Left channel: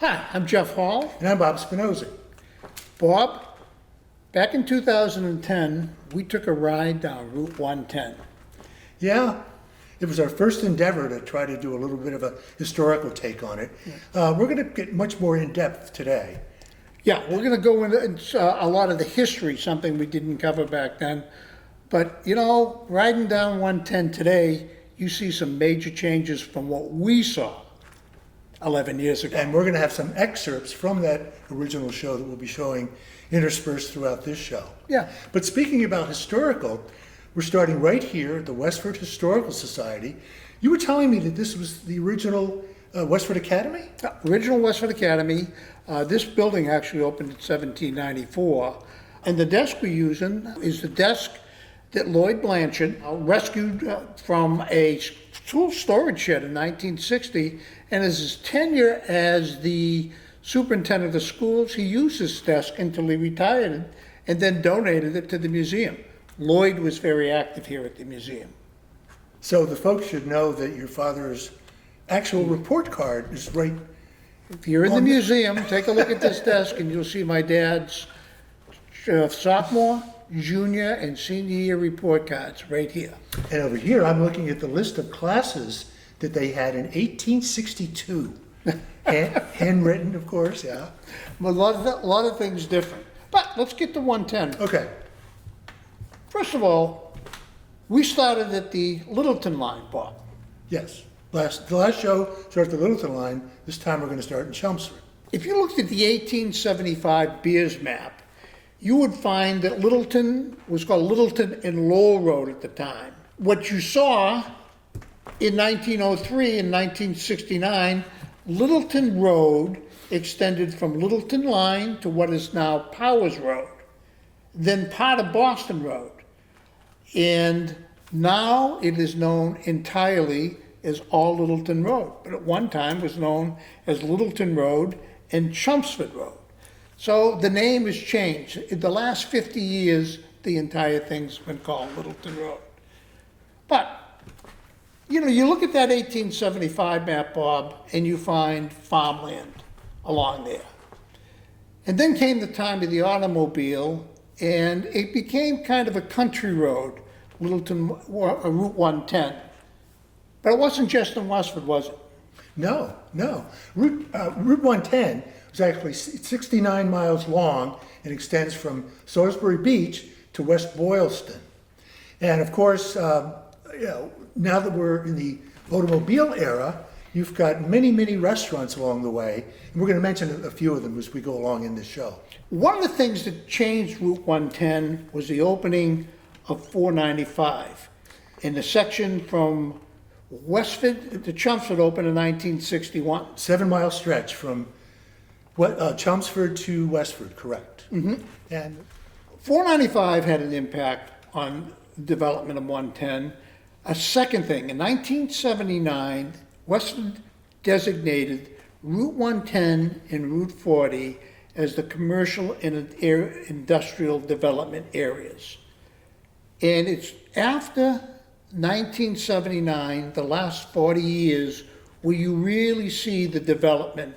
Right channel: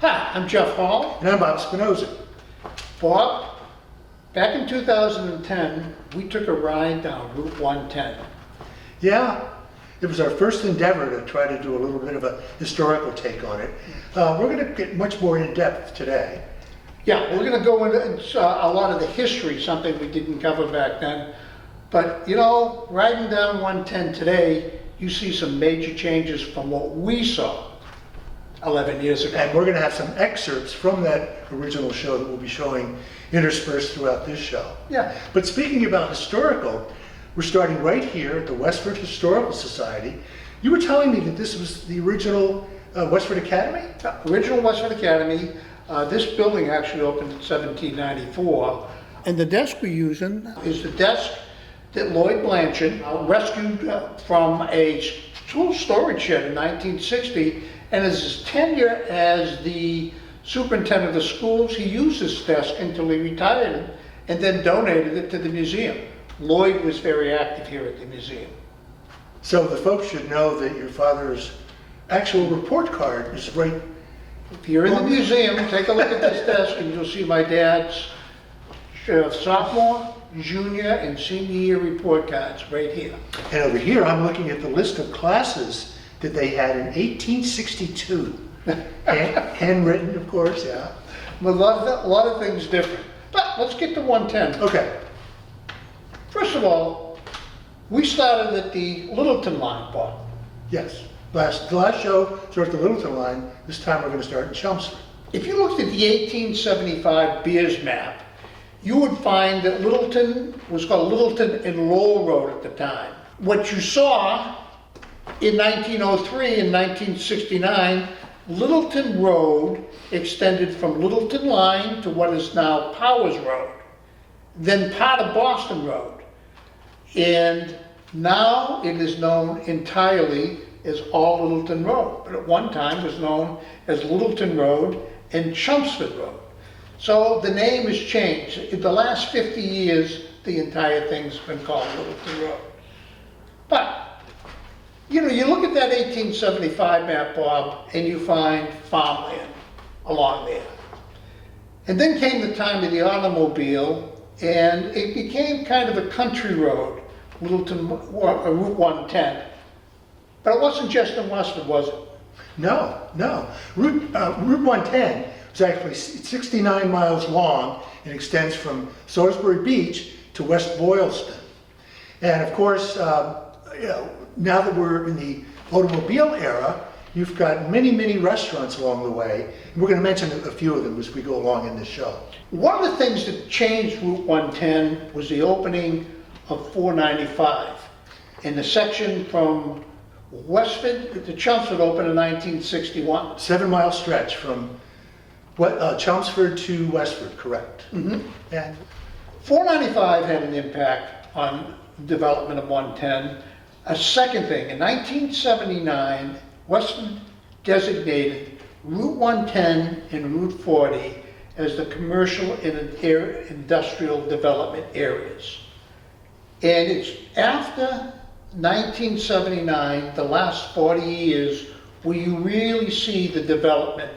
Hi, I'm Geoff Hall. And I'm Bob Spinozzi. Bob, back in 2010, we took a ride down Route 110. Yeah, it was our first endeavor to try to do a little bit of a historical take on it. We're going to get much more in depth today. Yeah, we're going to go into a lot of the history, something we didn't cover back then. But, you know, riding down 110 today, you see some major changes from what we saw 11 years ago. And we're going to have some excerpts from that original show that we'll be showing interspersed throughout this show. Yeah. But speaking about historical, we're starting right here at the Westford Historical Society. You were telling me that this was the original Westford Academy? Original Westford Academy. This building actually opened in 1794. And the desk we're using is the desk that Lloyd Blanchard rescued from a tool storage shed in 1960. And as his tenure as the superintendent of the schools, he used this desk until he retired it and then donated it to the museum. Lloyd was very active here at the museum. So the folks should know that your father's actual report card is right. If you're in the museum, take a look at this desk and you'll see my dad's sophomore, junior, and senior year report cards right here. And over here, I'm looking at the list of classes that they had in 1862. Handwritten, of course, yeah. A lot of things different. But let's get to 110. Okay. First of all, we started at the Littleton line, Bob. Yes. The last show started at the Littleton line. This time we're going to start in Chelmsford. If you looked at the 1875 Beers map, you would find that Littleton was called Littleton and Roll Road at the time. What you saw in 1903 and 1969, Littleton Road extended from Littleton Line to what is now Powers Road, then part of Boston Road. And now it is known entirely as all Littleton Road, but at one time was known as Littleton Road and Chelmsford Road. So the name has changed. In the last 50 years, the entire thing's been called Littleton Road. But you know, you look at that 1875 map, Bob, and you find farmland along there. And then came the time of the automobile, and it became kind of a country road, Littleton, Route 110. But it wasn't just in Westford, was it? No. Route 110 was actually 69 miles long and extends from Salisbury Beach to West Boylston. And of course, now that we're in the automobile era, you've got many restaurants along the way, and we're going to mention a few of them as we go along in this show. One of the things that changed Route 110 was the opening of 495. In the section from Westford to Chelmsford opened in 1961. 7-mile stretch from Chelmsford to Westford, correct? Mm-hmm. And 495 had an impact on development of 110. A second thing, in 1979, Westford designated Route 110 and Route 40 as the commercial and industrial development areas. And it's after 1979, the last 40 years, where you really see the development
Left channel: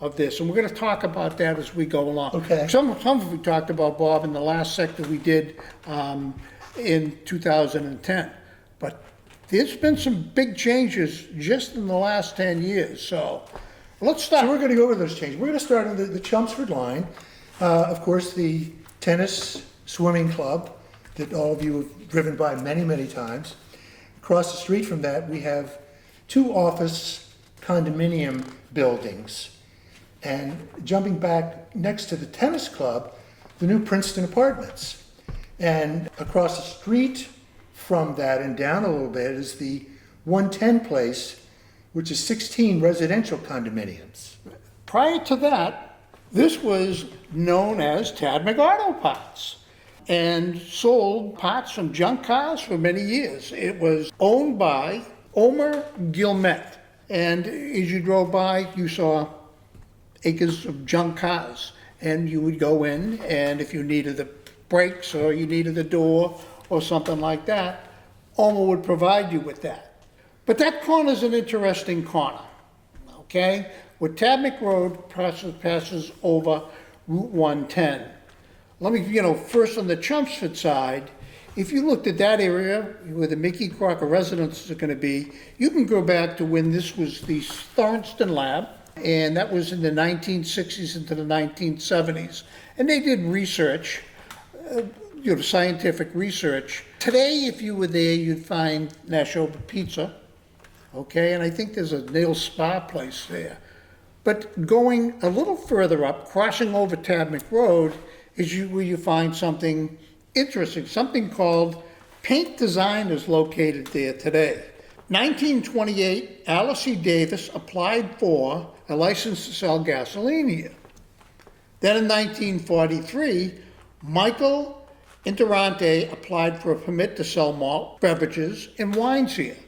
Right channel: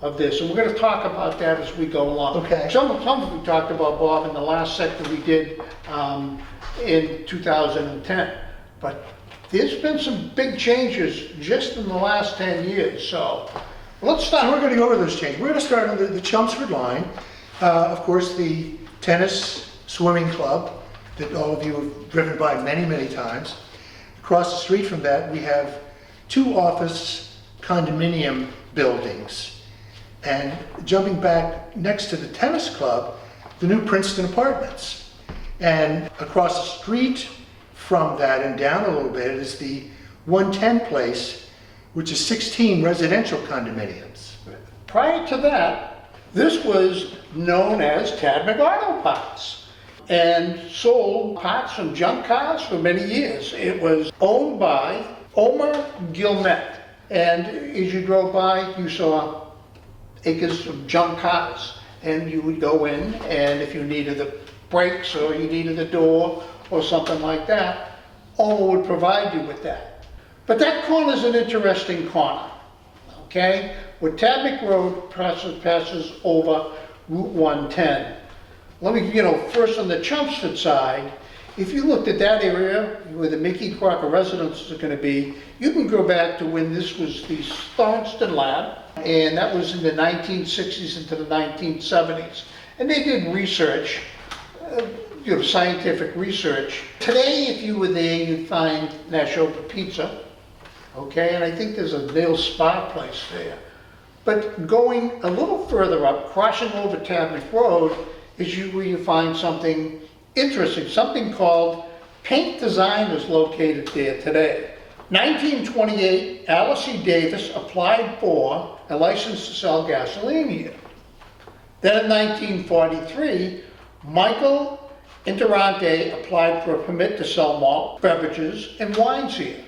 of this. And we're going to talk about that as we go along. Okay. Some of it we talked about, Bob, in the last sector we did in 2010. But there's been some big changes just in the last 10 years. So let's start. So we're going to go over those changes. We're going to start on the Chelmsford line. Of course, the tennis swimming club that all of you have driven by many times. Across the street from that, we have 2 office condominium buildings. And jumping back next to the tennis club, the new Princeton Apartments. And across the street from that and down a little bit is the 110 place, which is 16 residential condominiums. Prior to that, this was known as Tad McAuto Parts and sold parts from junk cars for many years. It was owned by Omer Gilmet. And as you drove by, you saw acres of junk cars. And you would go in, and if you needed the brakes or you needed the door or something like that, Omer would provide you with that. But that corner is an interesting corner, okay? where Tabnick Road passes over Route 110. Let me, first on the Chelmsford side, if you looked at that area where the Mickey Crocker residences are going to be, you can go back to when this was the Thornston Lab, and that was in the 1960s into the 1970s. And they did research, scientific research. Today, if you were there, you'd find Neshoba Pizza, okay? And I think there's a nail spa place there. But going a little further up, crossing over Tabnick Road, is where you find something interesting, something called Paint Design is located there today. 1928, Alice E. Davis applied for a license to sell gasoline here. Then in 1943, Michael Interante applied for a permit to sell malt beverages and wines here.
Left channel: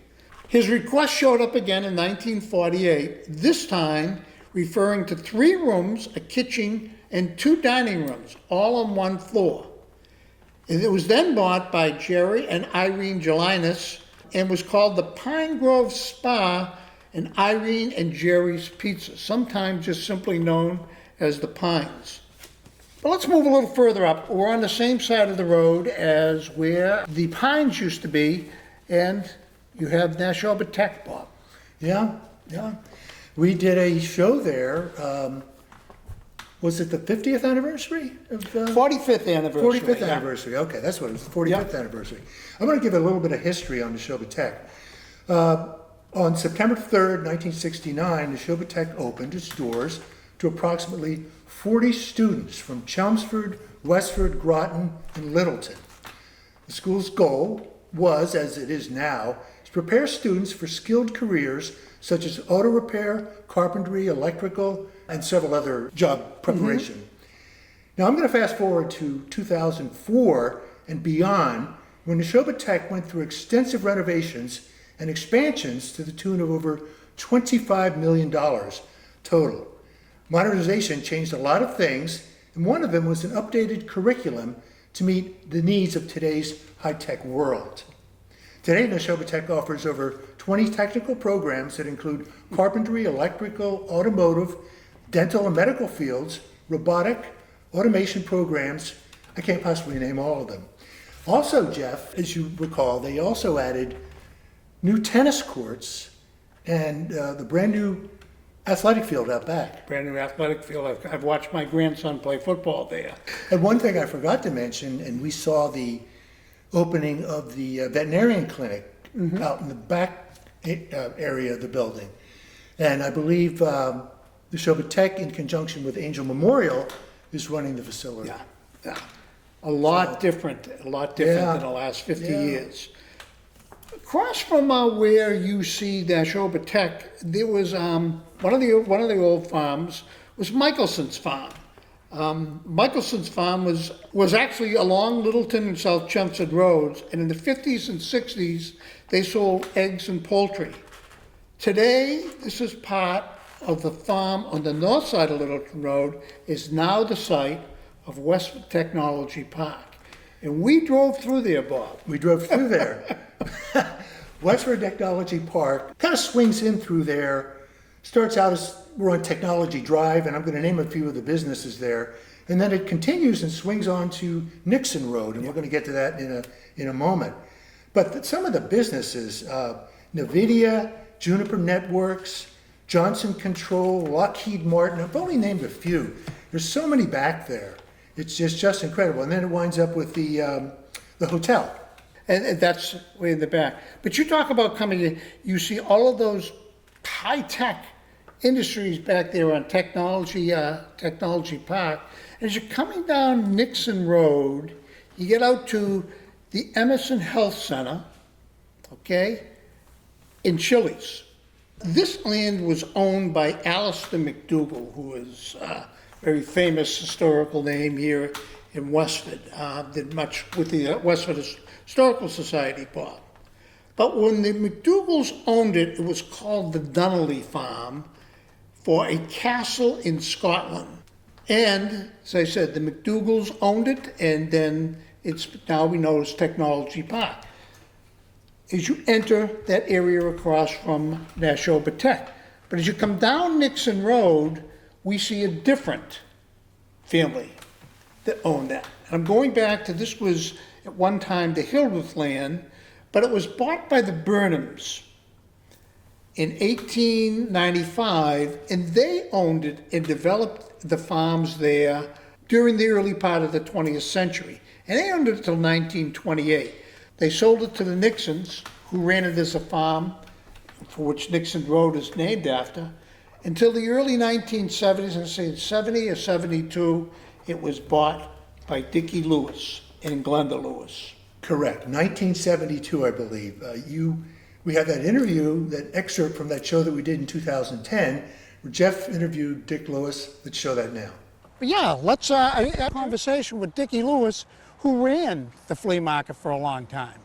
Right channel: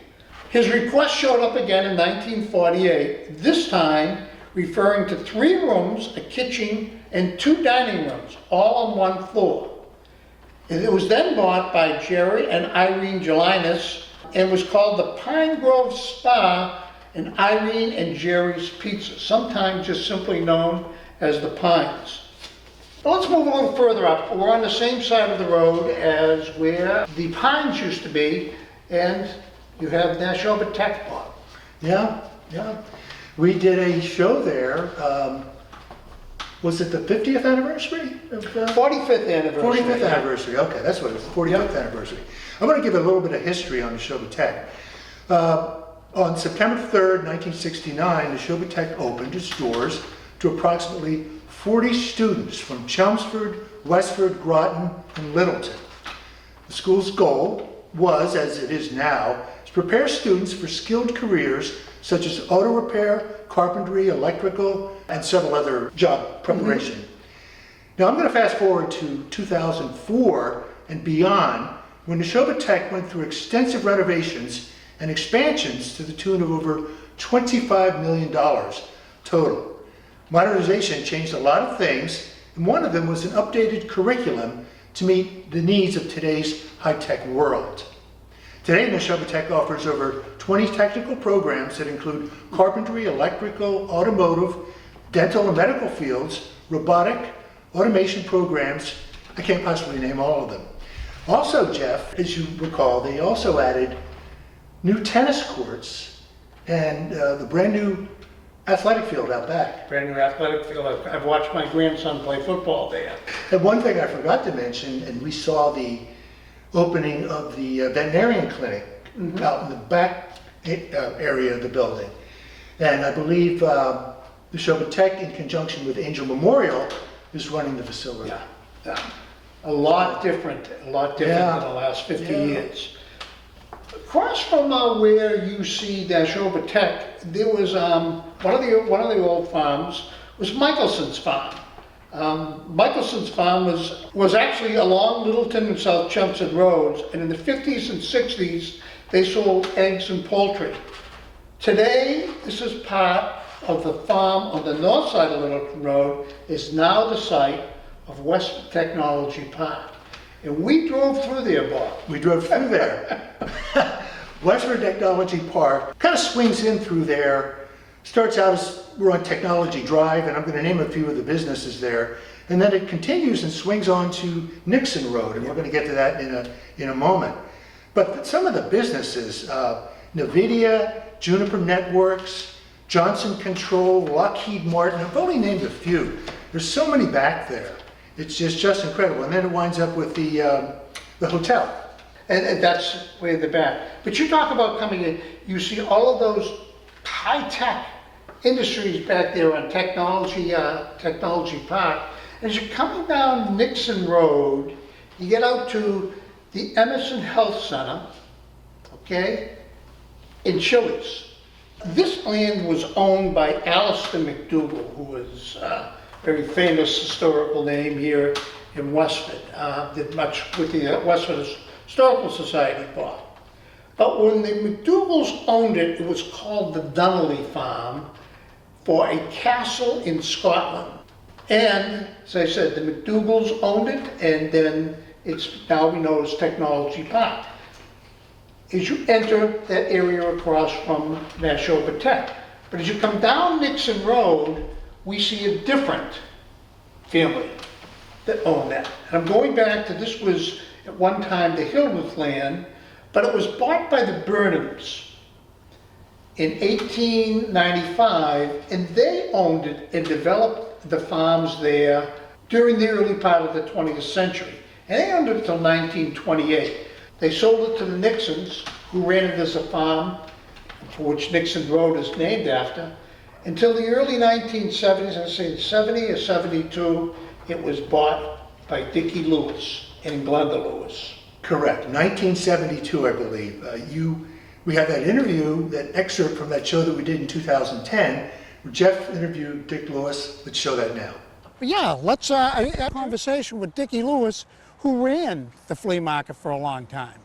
His request showed up again in 1948, this time referring to 3 rooms, a kitchen, and 2 dining rooms, all on one floor. It was then bought by Jerry and Irene Gelinas and was called the Pine Grove Spa and Irene and Jerry's Pizza, sometimes just simply known as the Pines. But let's move a little further up. We're on the same side of the road as where the Pines used to be, and you have Neshoba Tech Park. Yeah. We did a show there. Was it the 50th anniversary? 45th anniversary. 45th anniversary, okay, that's what it was, 45th anniversary. I'm going to give a little bit of history on Neshoba Tech. On September 3rd, 1969, Neshoba Tech opened its doors to approximately 40 students from Chelmsford, Westford, Groton, and Littleton. The school's goal was, as it is now, to prepare students for skilled careers such as auto repair, carpentry, electrical, and several other job preparation. Now I'm going to fast forward to 2004 and beyond, when Neshoba Tech went through extensive renovations and expansions to the tune of over $25 million total. Modernization changed a lot of things, and one of them was an updated curriculum to meet the needs of today's high-tech world. Today, Neshoba Tech offers over 20 technical programs that include carpentry, electrical, automotive, dental and medical fields, robotic, automation programs. I can't possibly name all of them. Also, Geoff, as you recall, they also added new tennis courts and the brand new athletic field out back. Brand new athletic field. I've watched my grandson play football there. And one thing I forgot to mention, and we saw the opening of the veterinarian clinic out in the back area of the building. And I believe Neshoba Tech, in conjunction with Angel Memorial, is running the facility. Yeah. A lot different than the last 50 years. Across from where you see Neshoba Tech, there was one of the old farms was Michelson's farm. Michelson's farm was actually along Littleton and South Chelmsford roads, and in the 50s and 60s they sold eggs and poultry. Today, this is part of the farm on the north side of Littleton Road, is now the site of Westford Technology Park. And we drove through there, Bob. We drove through there. Westford Technology Park kind of swings in through there, starts out as we're on Technology Drive, and I'm going to name a few of the businesses there, and then it continues and swings on to Nixon Road, and we're going to get to that in a moment. But some of the businesses, NVIDIA, Juniper Networks, Johnson Control, Lockheed Martin, I've only named a few. There's so many back there. It's just incredible. And then it winds up with the hotel. And that's way in the back. But you talk about coming in, you see all of those high-tech industries back there on Technology Park. As you're coming down Nixon Road, you get out to the Emerson Health Center, okay, in Chili's. This land was owned by Alistair McDougall, who was a very famous historical name here in Westford. Did much with the Westford Historical Society part. But when the McDougalls owned it, it was called the Donnelly Farm for a castle in Scotland. And, as I said, the McDougalls owned it, and then it's now known as Technology Park. As you enter that area across from Neshoba Tech, But as you come down Nixon Road, we see a different family that owned that. And I'm going back to, this was at one time the Hildreth land, but it was bought by the Burnhams in 1895, and they owned it and developed the farms there during the early part of the 20th century. And they owned it until 1928. They sold it to the Nixons, who ran it as a farm, for which Nixon Road is named after. Until the early 1970s, and say 70 or 72, it was bought by Dickie Lewis and Glenda Lewis. Correct, 1972, I believe. We have that interview, that excerpt from that show that we did in 2010, where Geoff interviewed Dick Lewis. Let's show that now. Yeah, let's have a conversation with Dickie Lewis, who ran the flea market for a long time.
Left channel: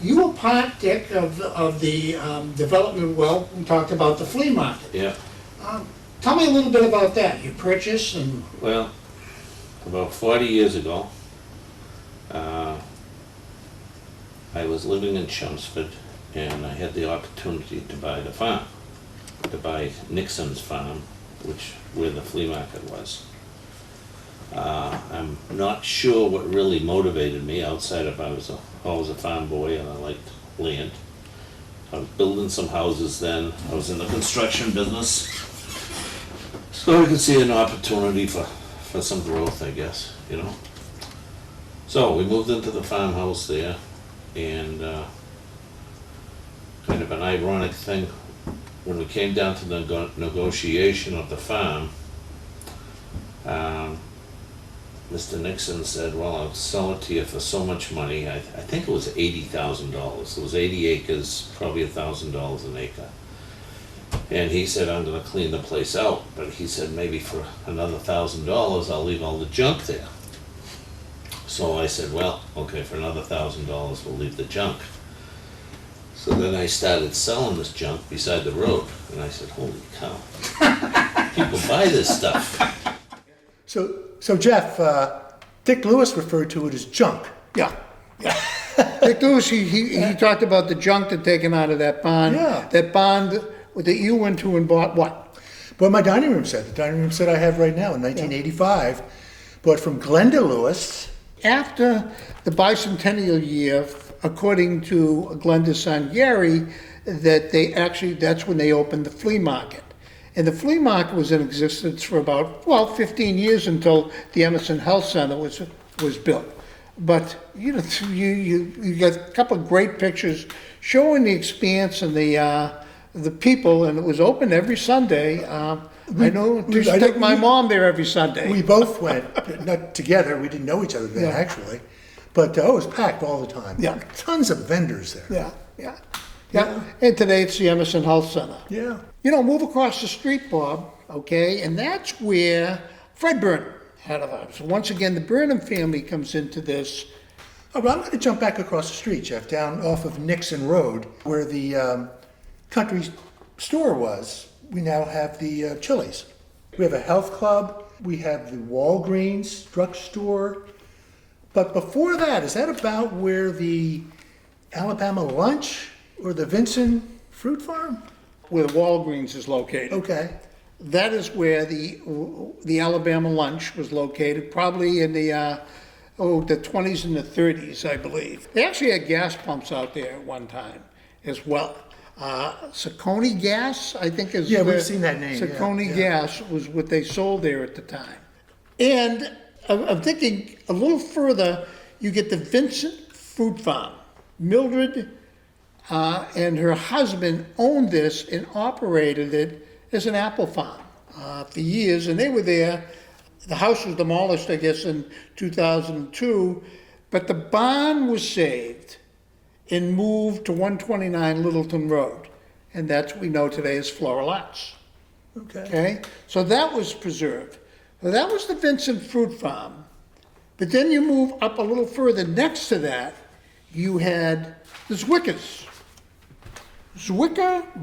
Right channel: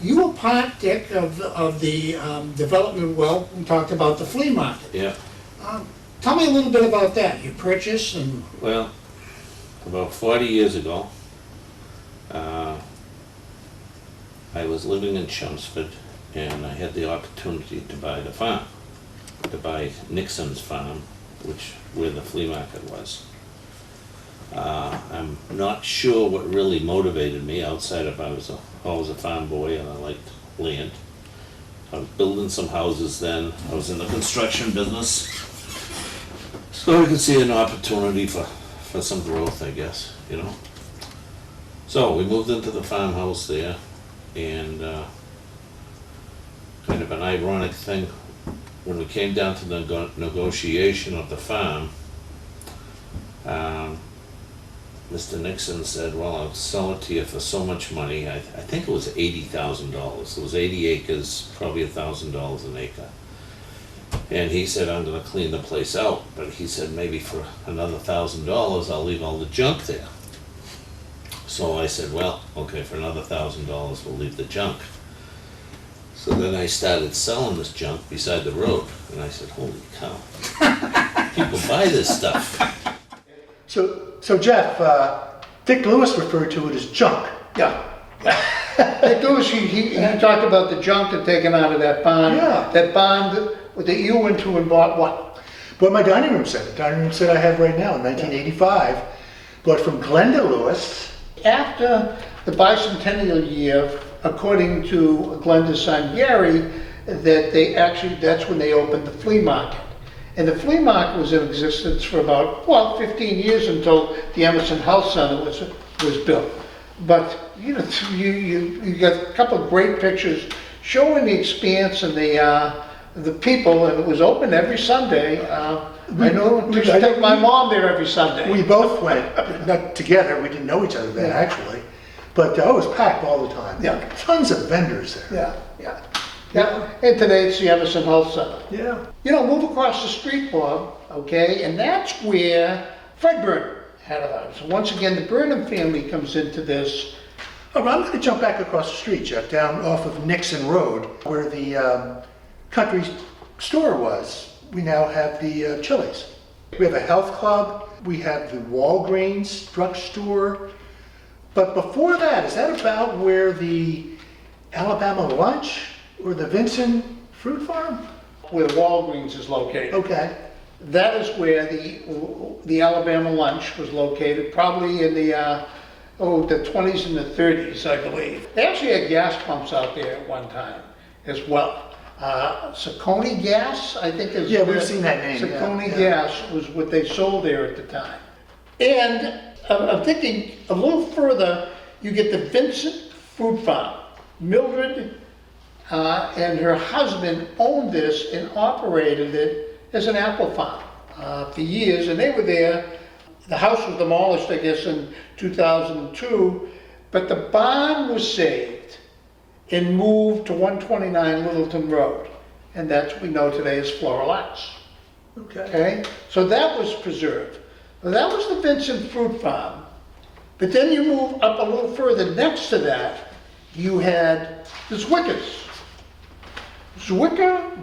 You were part, Dick, of the development. Well, we talked about the flea market. Yeah. Tell me a little bit about that. You purchased and... Well, about 40 years ago, I was living in Chelmsford, and I had the opportunity to buy the farm, to buy Nixon's farm, where the flea market was. I'm not sure what really motivated me outside of I was a farm boy and I liked land. I was building some houses then. I was in the construction business. So I could see an opportunity for some growth, I guess, you know. So we moved into the farmhouse there, and kind of an ironic thing, when we came down to the negotiation of the farm, Mr. Nixon said, well, I'll sell it to you for so much money. I think it was $80,000. It was 80 acres, probably $1,000 an acre. And he said, I'm gonna clean the place out. But he said, maybe for another $1,000, I'll leave all the junk there. So I said, well, okay, for another $1,000, we'll leave the junk. So then I started selling this junk beside the road. And I said, holy cow, people buy this stuff. So Geoff, Dick Lewis referred to it as junk. Yeah. Dick Lewis, he talked about the junk that taken out of that barn. Yeah. That barn that you went to and bought what? But my dining room set, the dining room set I have right now in 1985, bought from Glenda Lewis. After the bicentennial year, according to Glenda's son Gary, that's when they opened the flea market. And the flea market was in existence for about, 15 years until the Emerson Health Center was built. But, you know, you got a couple of great pictures showing the expanse and the people, and it was open every Sunday. I took my mom there every Sunday. We both went, not together, we didn't know each other then actually, but it was packed all the time. Yeah. Tons of vendors there. Yeah, and today it's the Emerson Health Center. Yeah. You know, move across the street, Bob, okay, and that's where Fred Burnham had a house. So once again, the Burnham family comes into this. Oh, I'm going to jump back across the street, Geoff, down off of Nixon Road, where the country store was. We now have the Chili's. We have a health club. We have the Walgreens drugstore. But before that, is that about where the Alabama Lunch or the Vincent Fruit Farm? Where Walgreens is located. Okay. That is where the Alabama Lunch was located, probably in the 20s and the 30s, I believe. They actually had gas pumps out there at one time as well. Saucony Gas, I think is... Yeah, we've seen that name. Saucony Gas was what they sold there at the time. And I'm thinking a little further, you get the Vincent Fruit Farm. Mildred and her husband owned this and operated it as an apple farm for years, and they were there. The house was demolished, I guess, in 2002, but the barn was saved and moved to 129 Littleton Road, and that's what we know today as Floral Arts. Okay? So that was preserved. Well, that was the Vincent Fruit Farm, but then you move up a little further. Next to that, you had the Zwickers.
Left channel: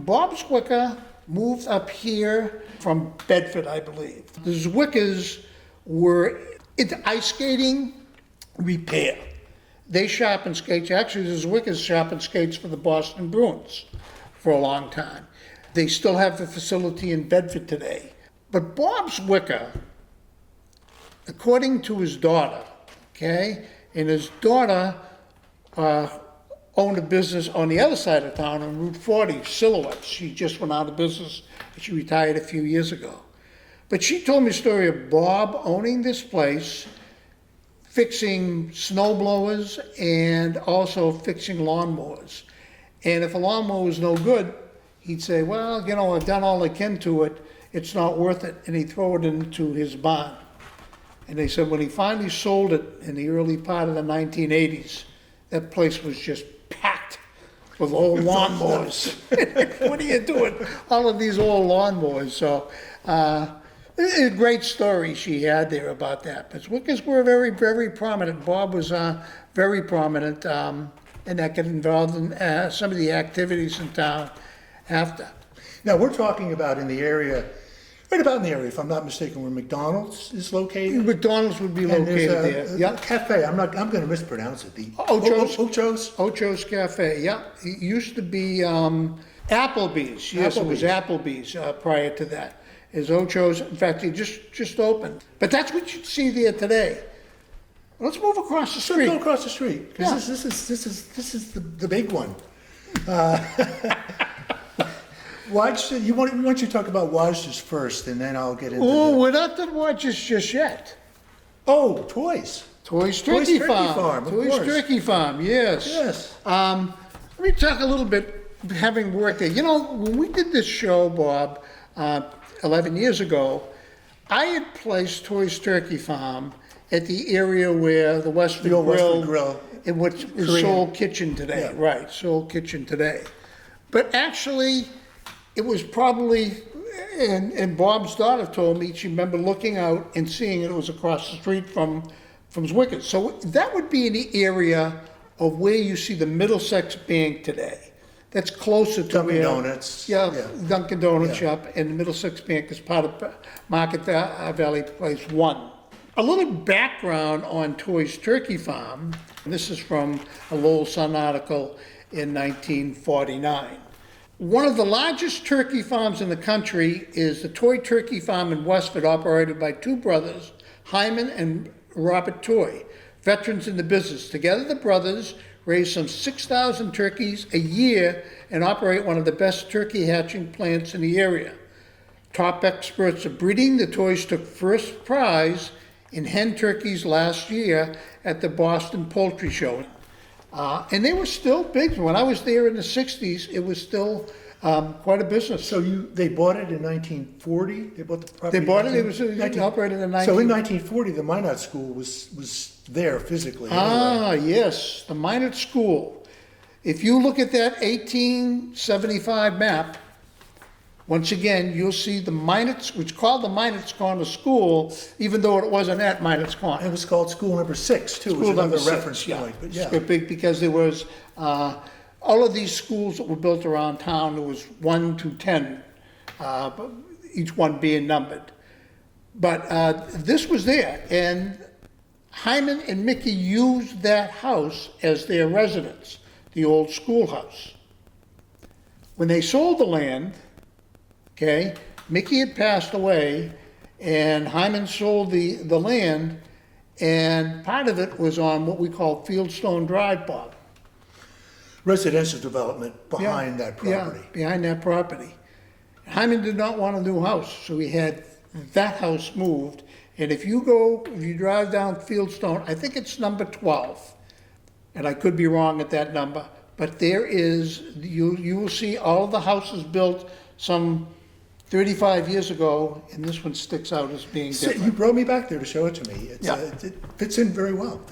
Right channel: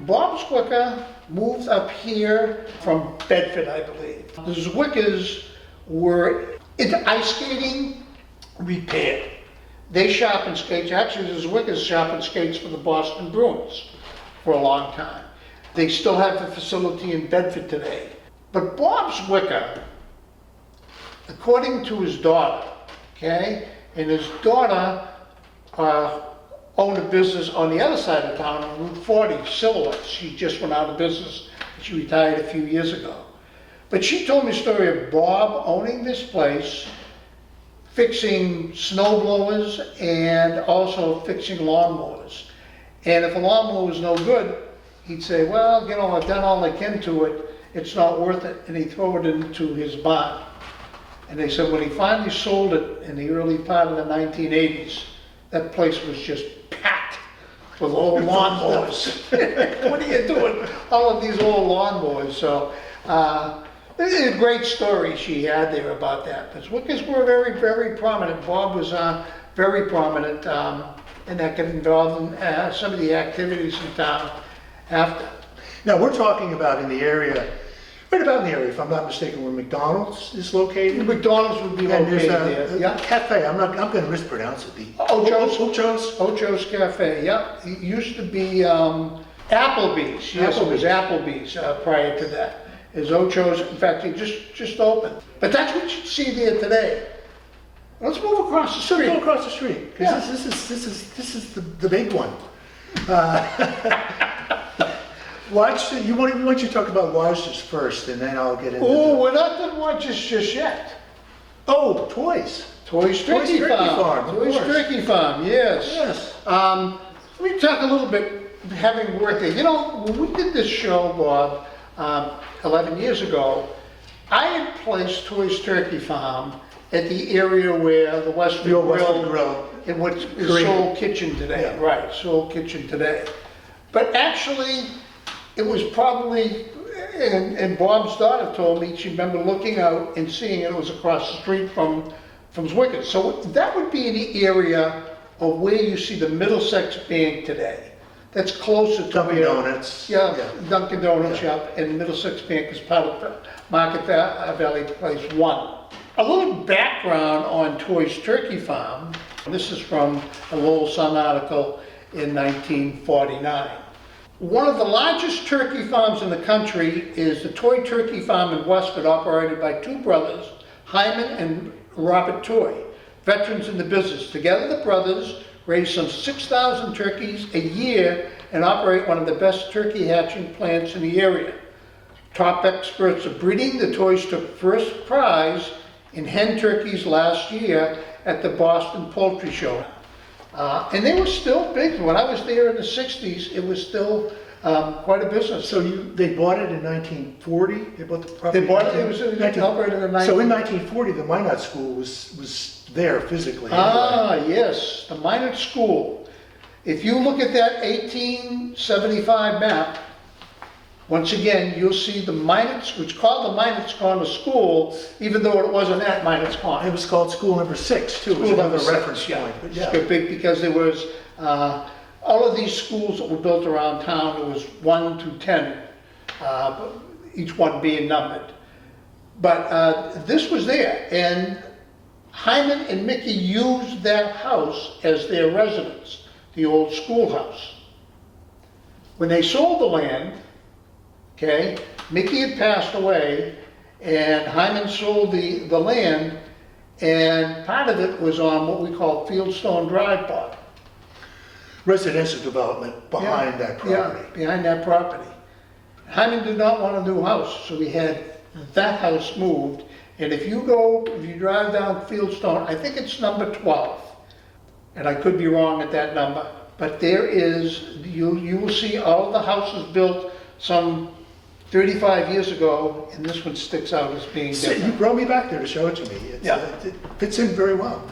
Bob Zwicker moved up here from Bedford, I believe. The Zwickers were into ice skating repair. They shop and skate. Actually, the Zwickers shop and skates for the Boston Bruins for a long time. They still have the facility in Bedford today. But Bob's Wicker, according to his daughter, okay, and his daughter owned a business on the other side of town on Route 40, Silhouettes. She just went out of business. She retired a few years ago. But she told me a story of Bob owning this place, fixing snow blowers and also fixing lawnmowers. And if a lawnmower was no good, he'd say, well, you know, I've done all I can to it, it's not worth it, and he'd throw it into his barn. And they said when he finally sold it in the early part of the 1980s, that place was just packed with old lawnmowers. What are you doing? All of these old lawnmowers. So, a great story she had there about that. But Wickers were very, very prominent. Bob was very prominent, and that got involved in some of the activities in town after. Now, we're talking about in the area, right about in the area, if I'm not mistaken, where McDonald's is located. McDonald's would be And located there's there. a Yeah. cafe, I'm going to mispronounce it. The Ocho's. Ocho's. Ocho's Cafe, yeah. It used to be Applebee's. Yes, it was Applebee's prior to that. Is Ocho's, in fact, he just opened. But that's what you see there today. Let's move across the street. Go across the street, because Yeah. this is the big one. You want you to talk about Watches first, and then I'll get into Oh, the... we're not done watches just yet. Oh, toys. Toys Turkey Farm. of Toys course. Turkey Farm, yes. Yes. Let me talk a little bit, having worked there. You know, when we did this show, Bob, 11 years ago, I had placed Toys Turkey Farm at the area where the Westford The old Westford Grill. in what is Green. Soul Kitchen today. Yeah. Right, Soul Kitchen today. But actually, it was probably, and Bob's daughter told me, she remembered looking out and seeing it was across the street from Zwickers. So that would be the area of where you see the Middlesex Bank today. That's closer to Dunkin' where- Donuts. Yeah, Dunkin' Donuts shop, and Middlesex Bank is part of Market Valley Place 1. A little background on Toys Turkey Farm. This is from a Lowell Sun article in 1949. One of the largest turkey farms in the country is the Toy Turkey Farm in Westford, operated by two brothers, Hyman and Robert Toy, veterans in the business. Together, the brothers raise some 6,000 turkeys a year and operate one of the best turkey hatching plants in the area. Top experts of breeding, the Toys took first prize in hen turkeys last year at the Boston Poultry Show. And they were still big. When I was there in the 60s, it was still quite a business. So they bought it in 1940? They bought the property? They bought it, it was 19 operated in So in 1940, the Minot School was there physically. Anyway. Yes, the Minot School. If you look at that 1875 map, once again, you'll see the Minot's, which is called the Minot's Corner School, even though it wasn't at Minot's Corner. It was called School Number 6, too, was School another number reference 6, point. But It's yeah. big because there was, all of these schools that were built around town, there was 1 to 10, but each one being numbered. But this was there, and Hyman and Mickey used that house as their residence, the old schoolhouse. When they sold the land, okay, Mickey had passed away, and Hyman sold the land, and part of it was on what we call Fieldstone Drive, Bob. Residential development behind that property. Yeah, behind that property. Hyman did not want a new house, so he had that house moved. And if you drive down Fieldstone, I think it's number 12, and I could be wrong at that number, but there is, you will see all of the houses built some 35 years ago, and this one sticks out as being So you different. brought me back there to show it to me. Yeah. It fits in very well. It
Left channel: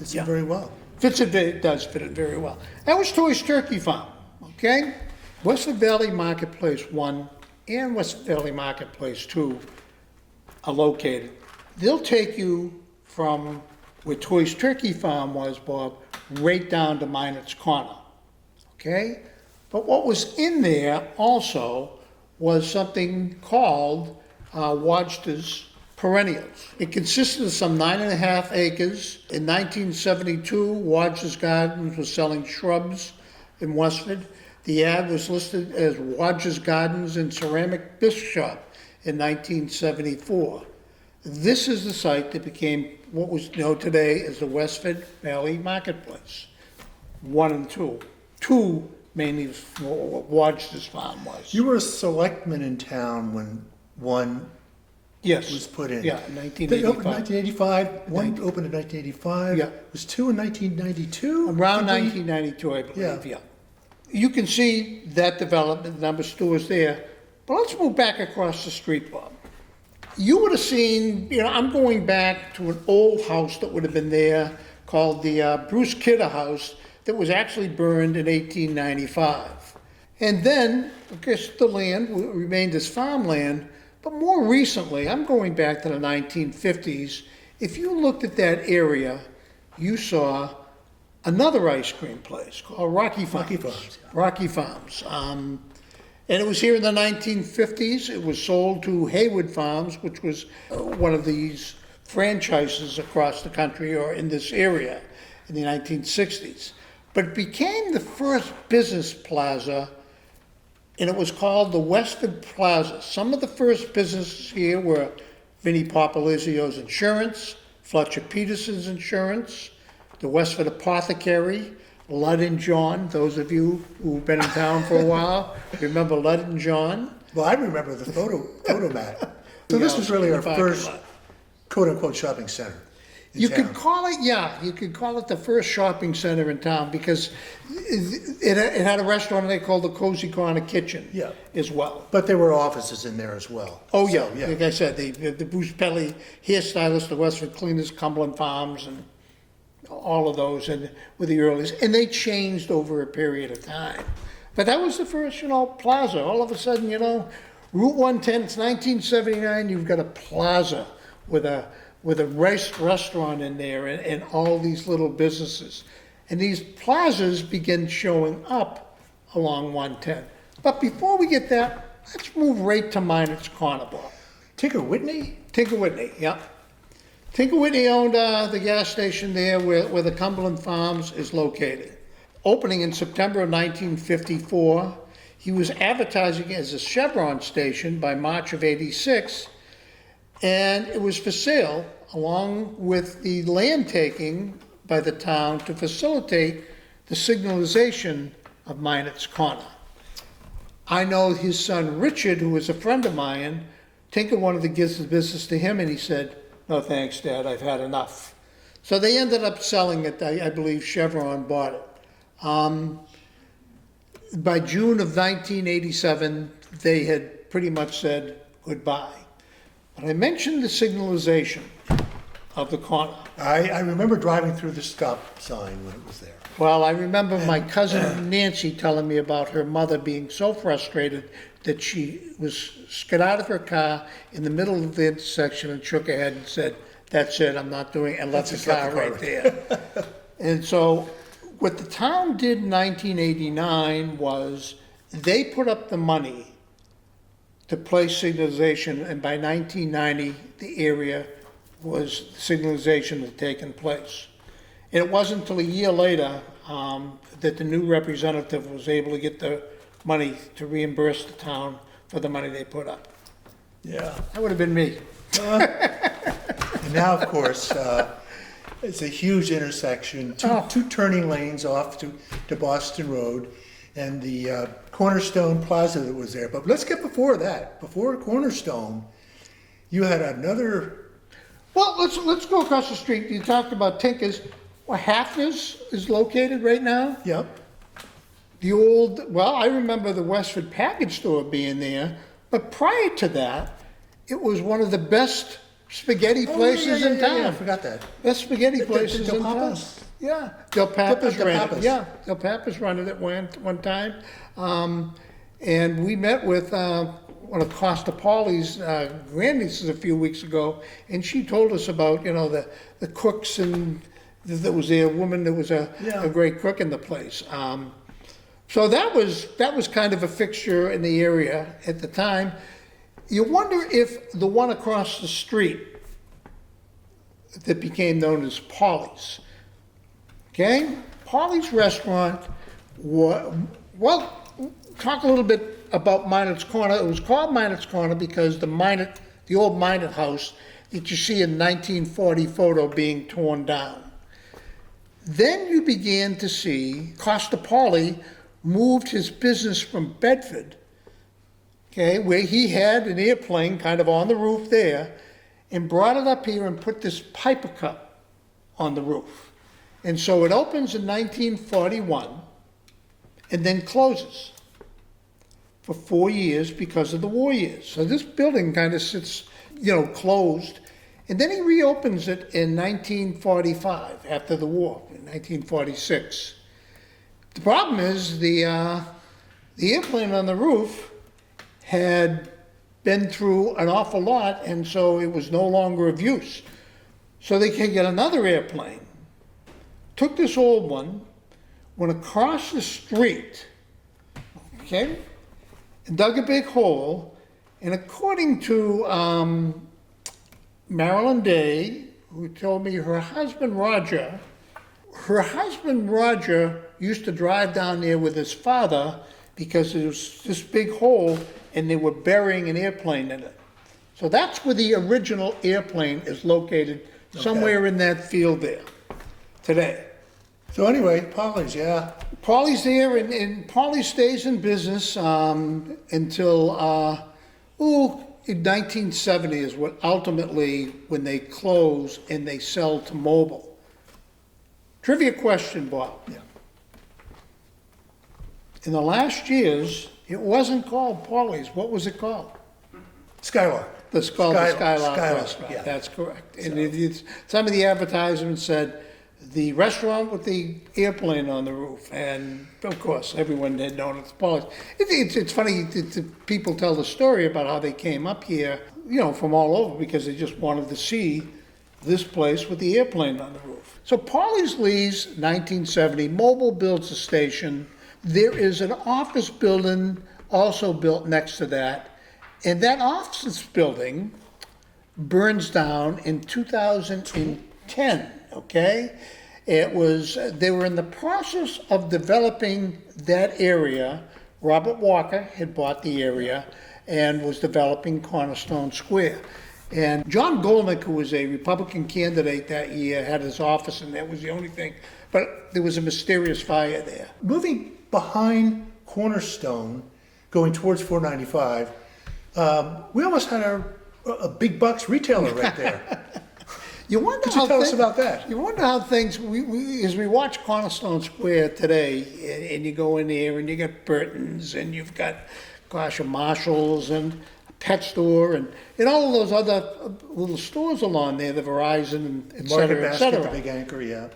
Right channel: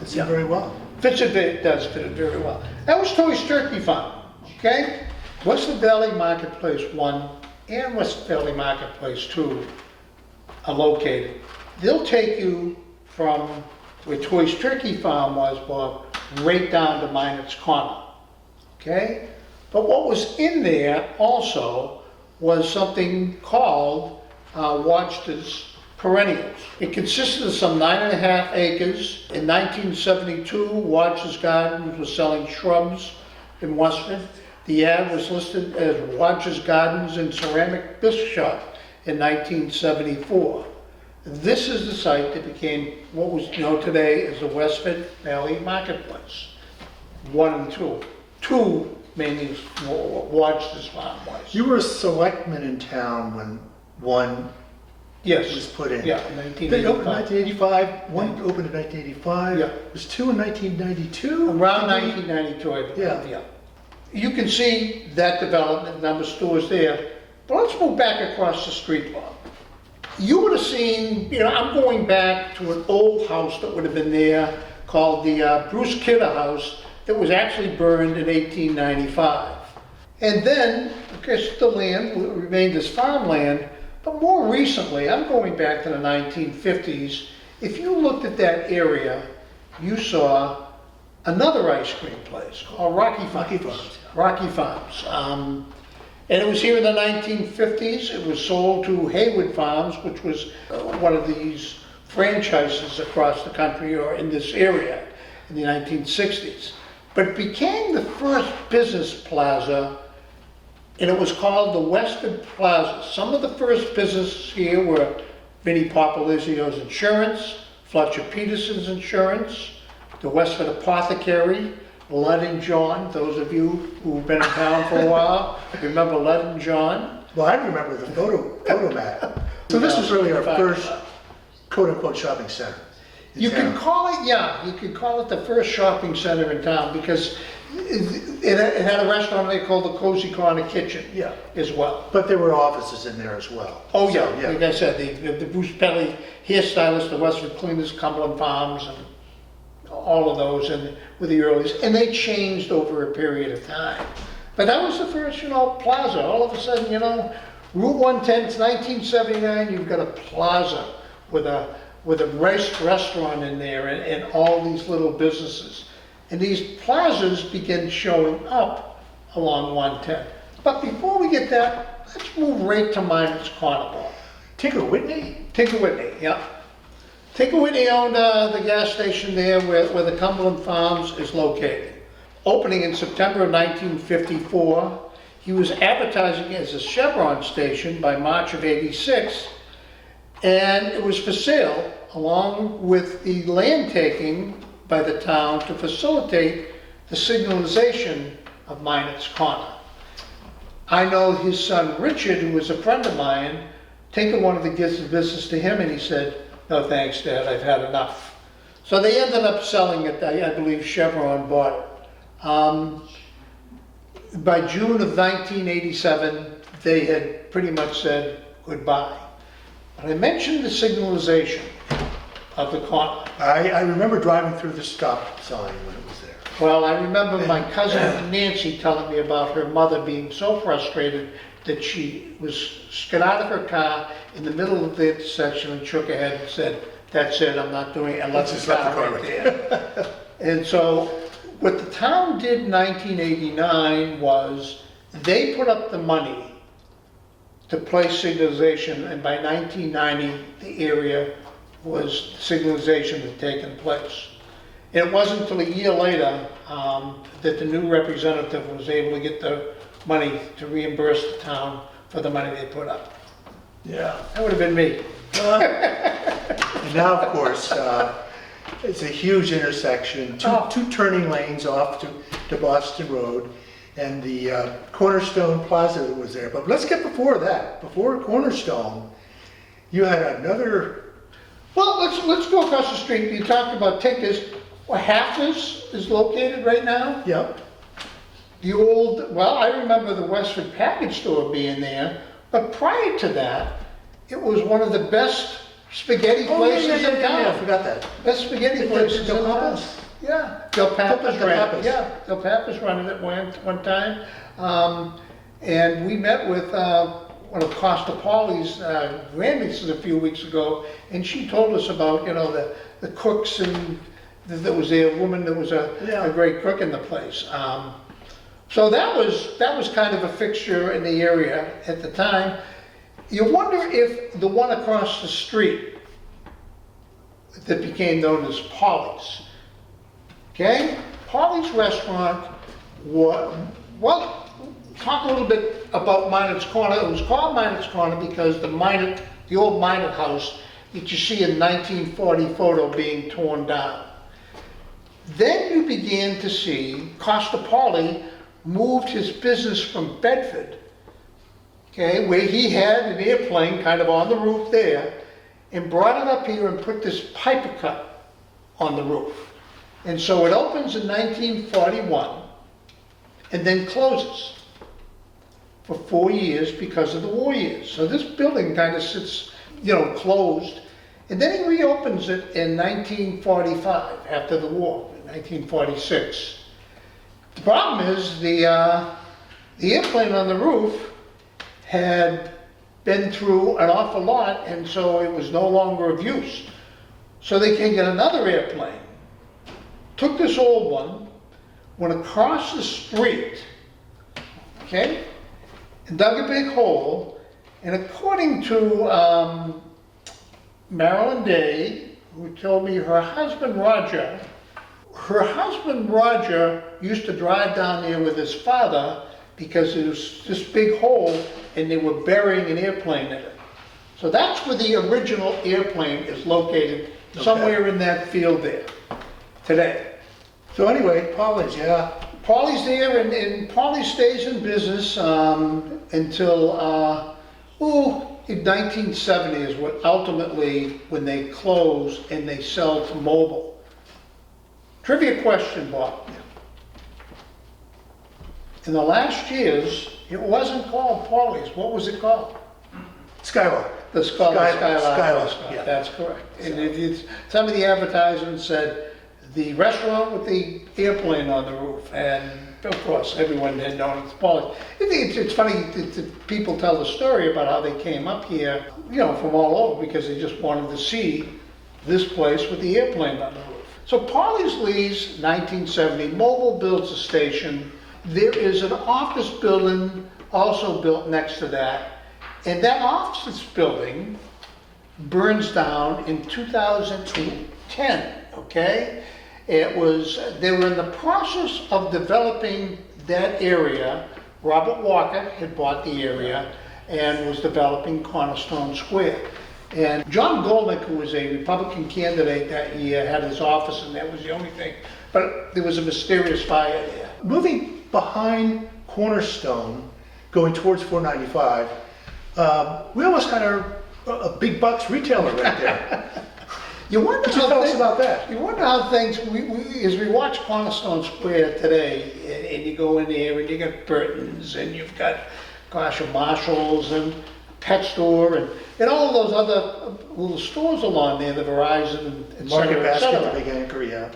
does fit it very well. That was Toys Turkey Farm, okay? Westford Valley Marketplace 1 and Westford Valley Marketplace 2 are located. They'll take you from where Toys Turkey Farm was, Bob, right down to Minot's Corner, okay? But what was in there also was something called Wodge's Perennials. It consisted of some 9.5 acres. In 1972, Wodge's Gardens was selling shrubs in Westford. The ad was listed as Rogers Gardens and Ceramic Bisque Shop in 1974. This is the site that became what was known today as the Westford Valley Marketplace. One and two. Two mainly is what Rogers Farm was. You were a selectman in town when one Yes. was put in. Yeah, It opened in 1985. 1985, one opened in 1985. Yeah. Was two in 1992? Around 1992, I believe, Yeah. yeah. You can see that development, number of stores there, but let's move back across the street, Bob. You would have seen, I'm going back to an old house that would have been there called the Bruce Kidder House that was actually burned in 1895. And then, of course, the land remained as farmland, but more recently, I'm going back to the 1950s, if you looked at that area, you saw another ice cream place called Rocky Farms. Rocky Farms. And it was here in the 1950s. It was sold to Haywood Farms, which was one of these franchises across the country or in this area in the 1960s. But it became the first business plaza, and it was called the Westford Plaza. Some of the first businesses here were Vinnie Popolizio's Insurance, Fletcher Peterson's Insurance, the Westford Apothecary, Lud and John. Those of you who've been in town for a while, remember Lud and John? Well, I remember the photo map. So this was really our first quote-unquote shopping center in You town. could call it, yeah, you could call it the first shopping center in town because it had a restaurant they called the Cozy Corner Kitchen Yeah. as well. But there were offices in there as well. Oh, So, yeah, like I said, the Bruce Pelly hairstylist, the Westford Cleaners, Cumberland Farms, and all of those and were the earliest, and they changed over a period of time. But that was the first, plaza. All of a sudden, Route 110, it's 1979, you've got a plaza with a restaurant in there and all these little businesses. And these plazas begin showing up along 110. But before we get that, let's move right to Minot's Corner, Bob. Tinker Whitney? Tinker Whitney, yeah. Tinker Whitney owned the gas station there where the Cumberland Farms is located. Opening in September of 1954, he was advertising as a Chevron station by March of '86, and it was for sale along with the land taking by the town to facilitate the signalization of Minot's Corner. I know his son Richard, who was a friend of mine, Tinker wanted to give the business to him, and he said, "No thanks, Dad, I've had enough." So they ended up selling it. I believe Chevron bought it. By June of 1987, they had pretty much said goodbye. But I mentioned the signalization of the corner. I remember driving through the stop sign when it was there. Well, I remember my cousin Nancy telling me about her mother being so frustrated that she got out of her car in the middle of the intersection and shook her head and said, "That's it, I'm not doing it," and left the car right there. And so what the town did in 1989 was they put up the money to place signalization, and by 1990 the area was signalization had taken place. And it wasn't until a year later that the new representative was able to get the money to reimburse the town for the money they put up. Yeah. That would have been me. And now, of course, it's a huge intersection, two turning lanes off to Boston Road, and the Cornerstone Plaza that was there. But let's get before that. Before Cornerstone, you had another. Well, let's go across the street. You talked about Tinker's. Where Hafner's is located right now. Yep. The old, I remember the Westford package store being there, but prior to that, it was one of the best spaghetti places in town. I forgot that. Best spaghetti places Del in town. Papa's? Yeah, Del Papa's Del ran it. Papa's. Yeah, Del Papa's running it one time. And we met with one of Costa Paulie's grandnieces a few weeks ago, and she told us about, the cooks and that was there, a woman that was a great cook in the place. So that was kind of a fixture in the area at the time. You wonder if the one across the street that became known as Paulie's, okay? Paulie's restaurant was, talk a little bit about Minot's Corner. It was called Minot's Corner because the old Minot house that you see in 1940 photo being torn down. Then you began to see Paulie moved his business from Bedford, okay, where he had an airplane kind of on the roof there, and brought it up here and put this piper cut on the roof. And so it opens in 1941 and then closes for 4 years because of the war years. So this building kind of sits, closed. And then he reopens it in 1945 after the war, in 1946. The problem is the airplane on the roof had been through an awful lot, and so it was no longer of use. So they can get another airplane. Took this old one, went across the street, okay, and dug a big hole. And according to Marilyn Day, who told me her husband Roger used to drive down there with his father because there was this big hole and they were burying an airplane in it. So that's where the original airplane is located, somewhere in that field there today. So anyway, Paulie's, yeah. Paulie's there, and Paulie stays in business until, in 1970 is what ultimately, when they close and they sell to Mobile. Trivia question, Bob. In the last years, it wasn't called Paulie's. What was it called? Skylark. It's called the Skylark Skylark, Restaurant. yeah. That's correct. And some of the advertisements said, the restaurant with the airplane on the roof, and of course everyone had known it's Paulie's. It's funny that people tell the story about how they came up here, from all over because they just wanted to see this place with the airplane on the roof. So Paulie's leaves 1970. Mobile builds a station. There is an office building also built next to that, and that office building burns down in 2010. Okay. They were in the process of developing that area. Robert Walker had bought the area and was developing Cornerstone Square. And John Golnick, who was a Republican candidate that year, had his office, and that was the only thing. But there was a mysterious fire there. Moving behind Cornerstone, going towards 495, we almost had a big bucks retailer right there. You wonder Could you tell us about that? You wonder how things, as we watch Cornerstone Square today, and you go in there and you got Burton's and you've got, a Marshall's and a pet store and all of those other little stores along there, the Verizon, et Market cetera, et Basket, the cetera. big anchor, yeah.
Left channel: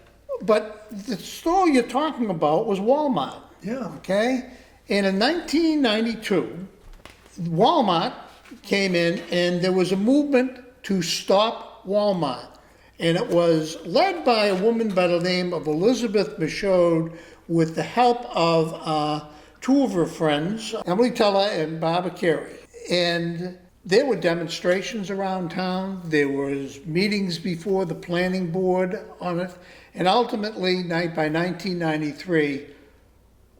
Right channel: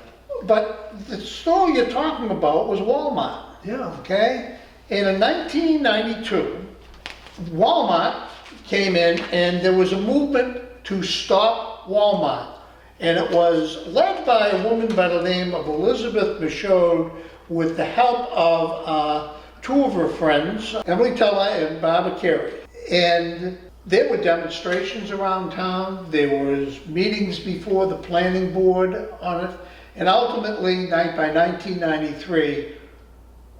But the store you're talking about was Walmart. Yeah. Okay? And in 1992, Walmart came in and there was a movement to stop Walmart. And it was led by a woman by the name of Elizabeth Michaud with the help of two of her friends, Emily Teller and Barbara Carey. And there were demonstrations around town. There was meetings before the planning board on it. And ultimately, by 1993,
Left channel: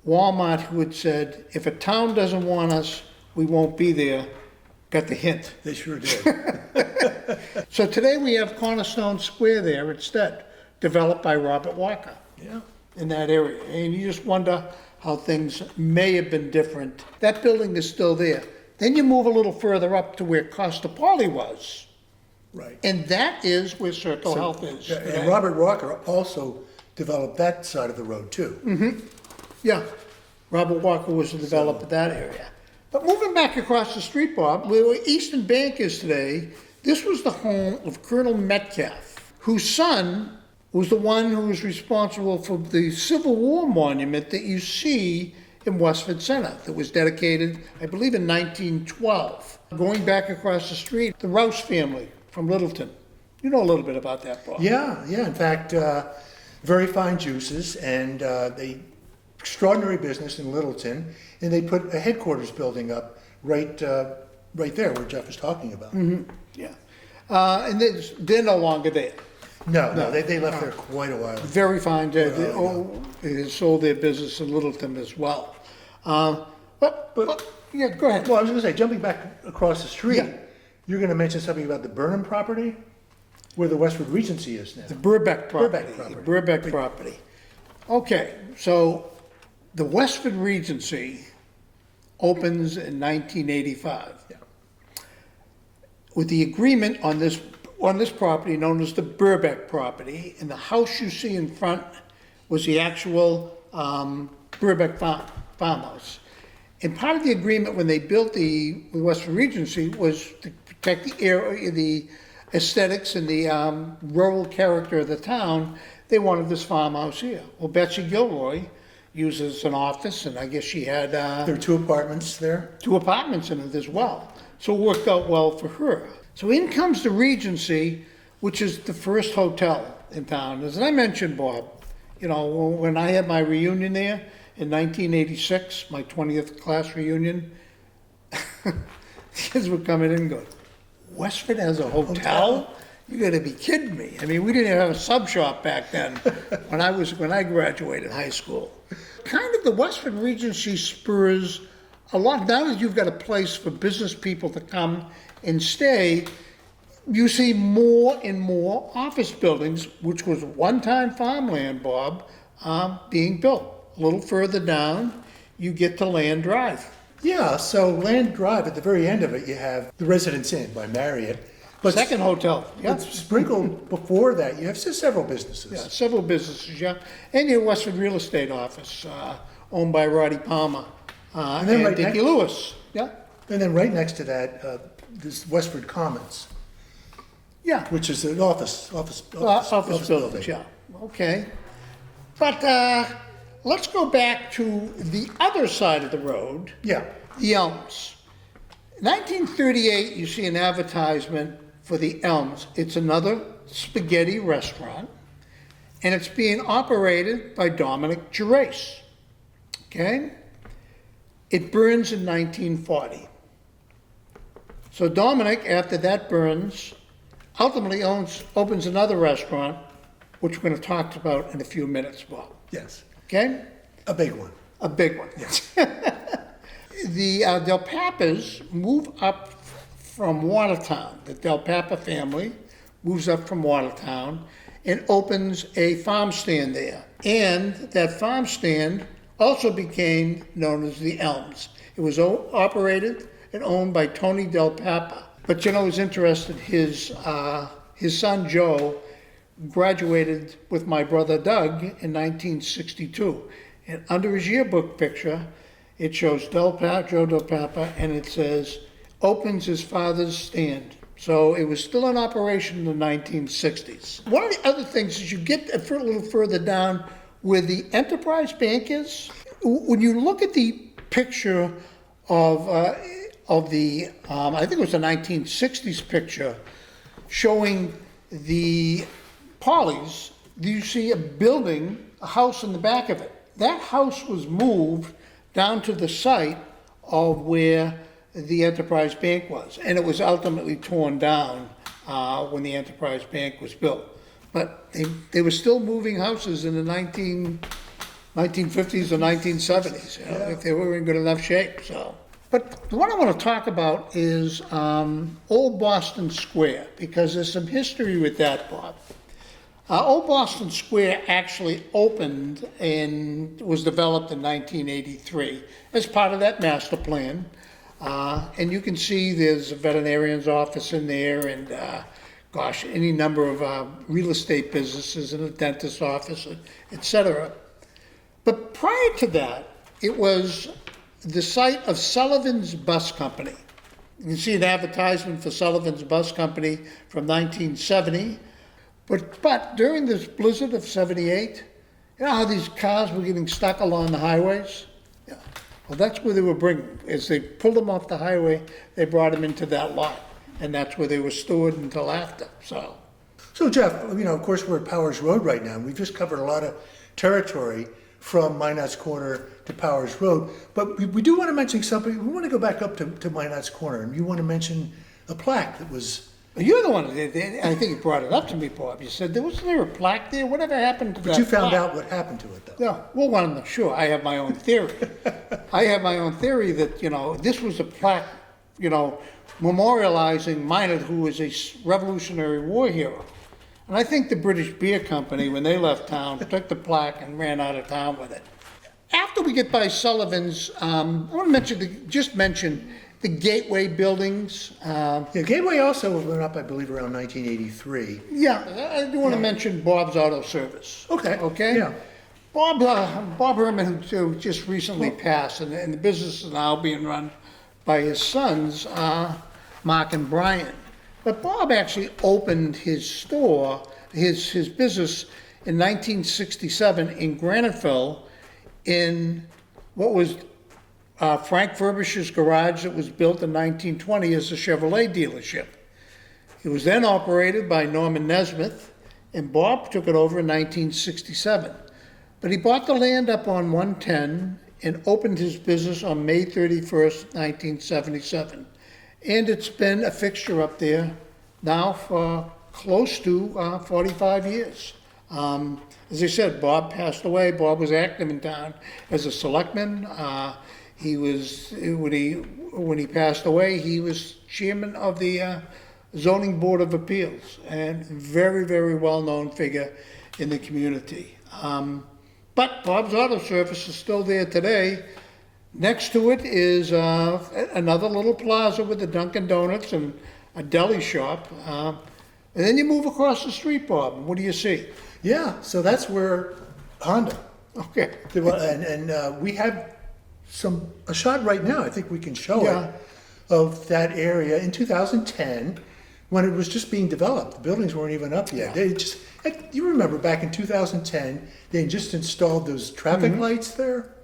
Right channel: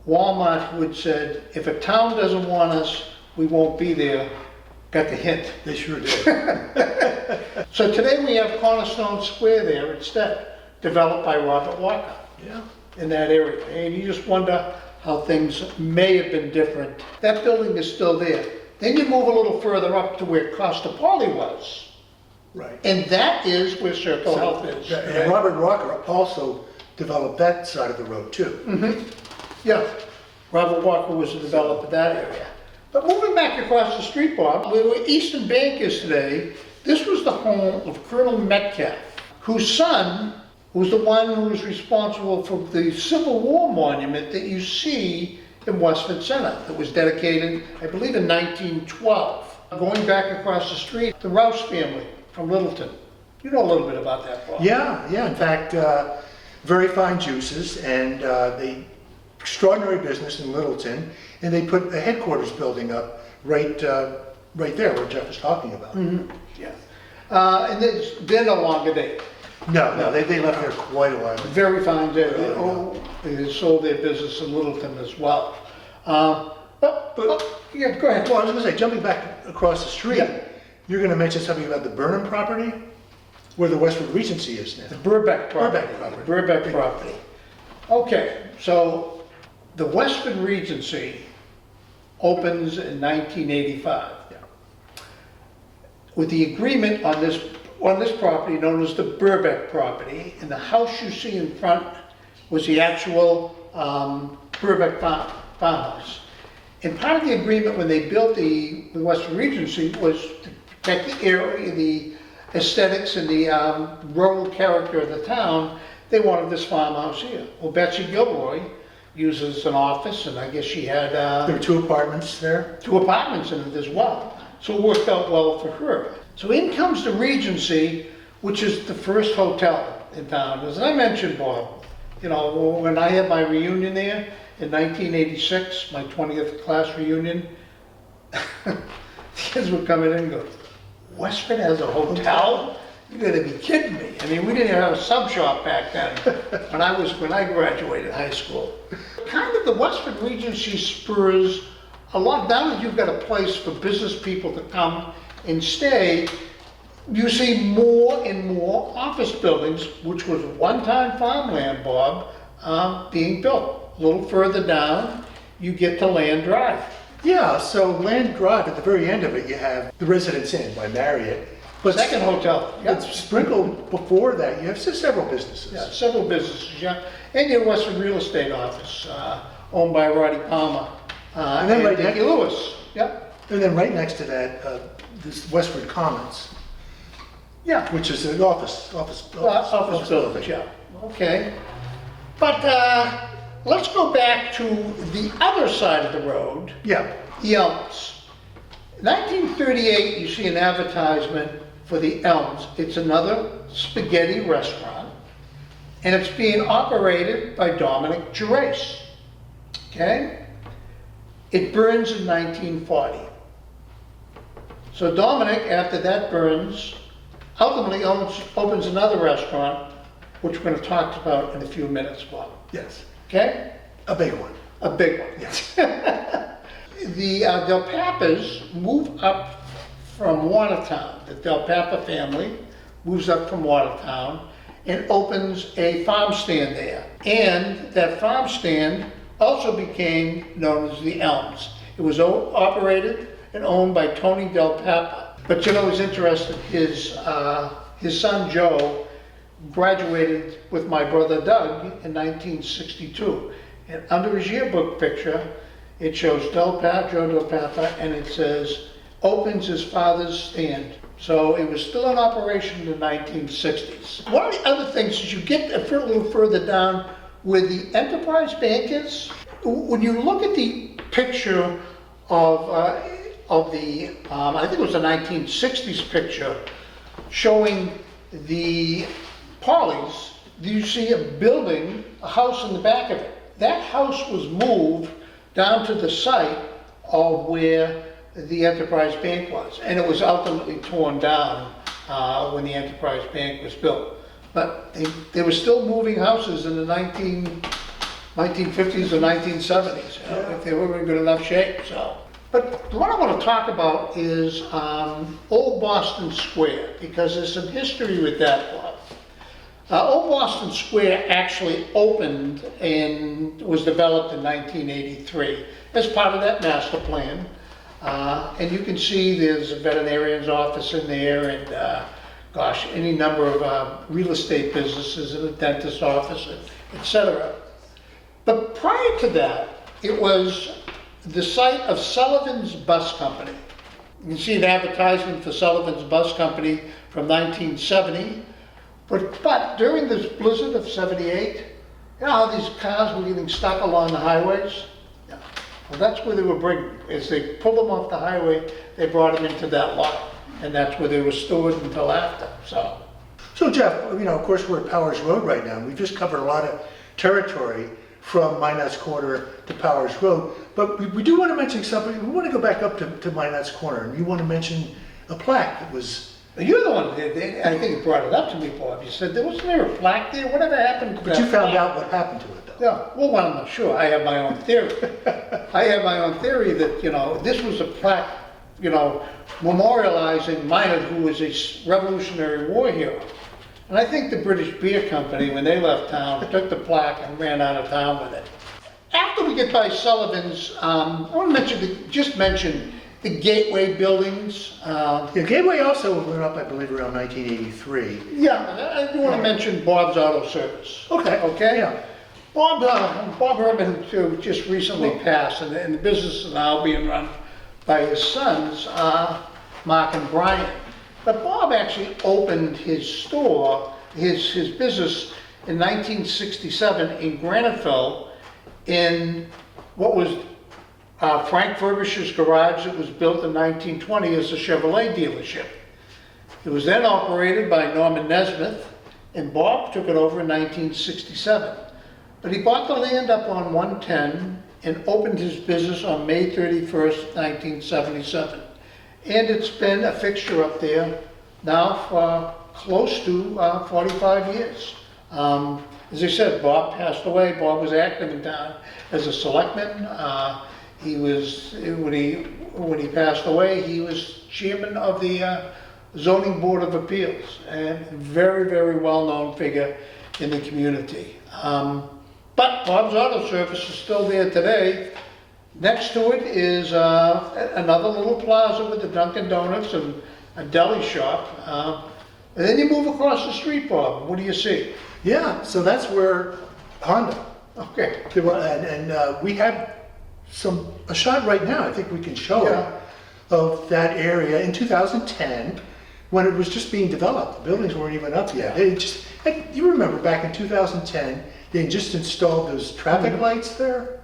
Walmart, who had said, if a town doesn't want us, we won't be there, got the hint. They sure did. So today we have Cornerstone Square there instead, developed by Robert Walker. Yeah. In that area. And you just wonder how things may have been different. That building is still there. Then you move a little further up to where Paulie was. Right. And that is where Circle Health is. And Robert Walker also developed that side of the road too. Mm-hmm. Yeah. Robert Walker was the developer of that area. But moving back across the street, Bob, where Eastern Bank is today, this was the home of Colonel Metcalf, whose son was the one who was responsible for the Civil War monument that you see in Westford Center that was dedicated, I believe, in 1912. Going back across the street, the Rouse family from Littleton. You know a little bit about that, Bob. Yeah. In fact, very fine juices, and they extraordinary business in Littleton, and they put a headquarters building up right there where Geoff was talking about. Mm-hmm. Yeah. And they're no longer there. No, they left there quite a while ago. Very fine. They sold their business in Littleton as well. But Yeah, go ahead. Well, I was gonna say, jumping back across the street, Yeah. you're gonna mention something about the Burnham property, where the Westford Regency is now. The Burbeck property. Burbeck property. The Burbeck property. Okay, so the Westford Regency opens in 1985. Yeah. With the agreement on this property known as the Burbeck property, and the house you see in front was the actual Burbeck farmhouse. And part of the agreement when they built the Westford Regency was to protect the area, the aesthetics and the rural character of the town. They wanted this farmhouse here. Well, Betsy Gilroy uses an office, and I guess she had There were 2 apartments there. 2 apartments in it as well. So it worked out well for her. So in comes the Regency, which is the first hotel in town. As I mentioned, Bob, you know, when I had my reunion there in 1986, my 20th class reunion, kids would come in and go, Westford has a hotel? You gotta be kidding me. I mean, we didn't have a sub shop back then when I graduated high school. Kind of the Westford Regency spurs a lot. Now that you've got a place for business people to come and stay, you see more and more office buildings, which was one-time farmland, Bob, being built. A little further down, you get to Land Drive. Yeah, so Land Drive, at the very end of it, you have the Residence Inn by Marriott. But Second hotel, But yep. sprinkled before that, you have several businesses. Yeah, several businesses, yeah. And your Westford Real Estate Office, owned by Roddy Palmer, And then and right Dickie next- Lewis. Yep, And then right next to that, this Westford Commons, yeah. which is an office Office buildings, yeah, okay. But let's go back to the other side of the road, Yeah, the Elms. 1938, you see an advertisement for the Elms. It's another spaghetti restaurant, and it's being operated by Dominic Gerace, okay? It burns in 1940. So Dominic, after that burns, ultimately opens another restaurant, which we're going to talk about in a few minutes, Bob. yes, Okay? a big one. A big one. Yes. The Del Papas move up from Watertown. The Del Papa family moves up from Watertown and opens a farm stand there. And that farm stand also became known as the Elms. It was operated and owned by Tony Del Papa. But you know, it was interesting, his son Joe graduated with my brother Doug in 1962. And under his yearbook picture, it shows Joe Del Papa, and it says, opens his father's stand. So it was still in operation in the 1960s. One of the other things is you get a little further down where the Enterprise Bank is. When you look at the picture of the, I think it was the 1960s picture, showing the Paulies, you see a building, a house in the back of it. That house was moved down to the site of where the Enterprise Bank was, and it was ultimately torn down when the Enterprise Bank was built. But they were still moving houses in the 1950s or 1970s, you know, if they were in good enough shape. So, but what I want to talk about is Old Boston Square, because there's some history with that, Bob. Old Boston Square actually opened and was developed in 1983 as part of that master plan. And you can see there's a veterinarian's office in there and, gosh, any number of real estate businesses and a dentist's office, etc. But prior to that, it was the site of Sullivan's Bus Company. You can see an advertisement for Sullivan's Bus Company from 1970. But during this blizzard of 78, you know how these cars were getting stuck along the highways? Yeah. Well, that's where they were bringing them. As they pulled them off the highway, they brought them into that lot. And that's where they were stored until after, so. So Jeff, you know, of course, we're at Powers Road right now, and we've just covered a lot of territory from Minot's Corner to Powers Road, but we do want to mention something. We want to go back up to Minot's Corner, and you want to mention a plaque that was But you're the one, I think you brought it up to me, Bob. You said, wasn't there a plaque there? Whatever happened to that But you found plaque? out what happened to it, though. Yeah, well, I'm not sure. I have my own theory. I have my own theory that, this was a plaque, memorializing Minot, who was a Revolutionary War hero. And I think the British Beer Company, when they left town, took the plaque and ran out of town with it. After we get by Sullivan's, I want to just mention the Gateway buildings. The Gateway also went up, I believe, around 1983. Yeah, I do want to mention Bob's Auto Service. Okay. Okay? Yeah. Bob Herman, who just recently passed, and the business is now being run by his sons, Mark and Brian. But Bob actually opened his store, his business in 1967 in Graniteville in what was Frank Furbish's garage that was built in 1920 as a Chevrolet dealership. It was then operated by Norman Nesmith, and Bob took it over in 1967. But he bought the land up on 110 and opened his business on May 31st, 1977. And it's been a fixture up there now for close to 45 years. As I said, Bob passed away. Bob was active in town as a selectman. He was, when he passed away, he was chairman of the Zoning Board of Appeals, and very, very well-known figure in the community. But Bob's Auto Service is still there today. Next to it is another little plaza with a Dunkin' Donuts and a deli shop. And then you move across the street, Bob, and what do you see? Yeah, so that's where Honda. Okay. And we have a shot right now, I think we can show Yeah. it, of that area in 2010 when it was just being developed. The buildings weren't even up yet. You remember back in 2010, they just installed those traffic lights there?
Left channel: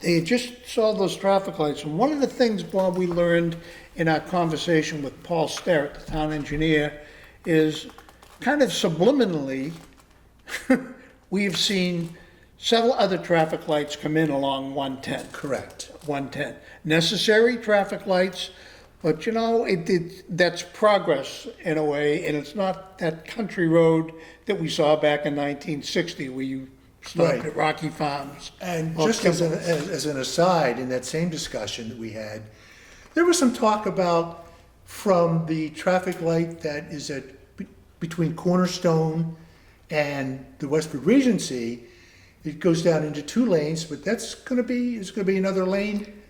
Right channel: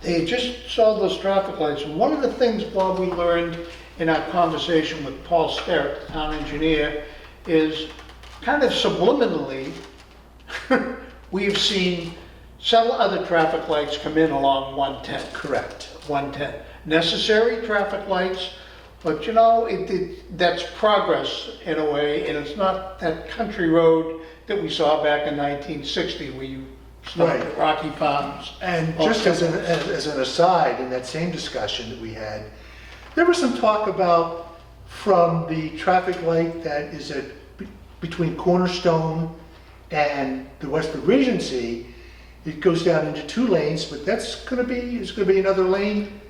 They had just saw those traffic lights, and one of the things, Bob, we learned in our conversation with Paul Sterrett, the town engineer, is kind of subliminally, we've seen several other traffic lights come in along 110. Correct. 110. Necessary traffic lights, but that's progress in a way, and it's not that country road that we saw back in 1960 where you stopped Right. at Rocky Farms. And or just as an aside, in that same discussion that we had, there was some talk about from the traffic light that is between Cornerstone and the Westford Regency, it goes down into 2 lanes, but it's gonna be another lane.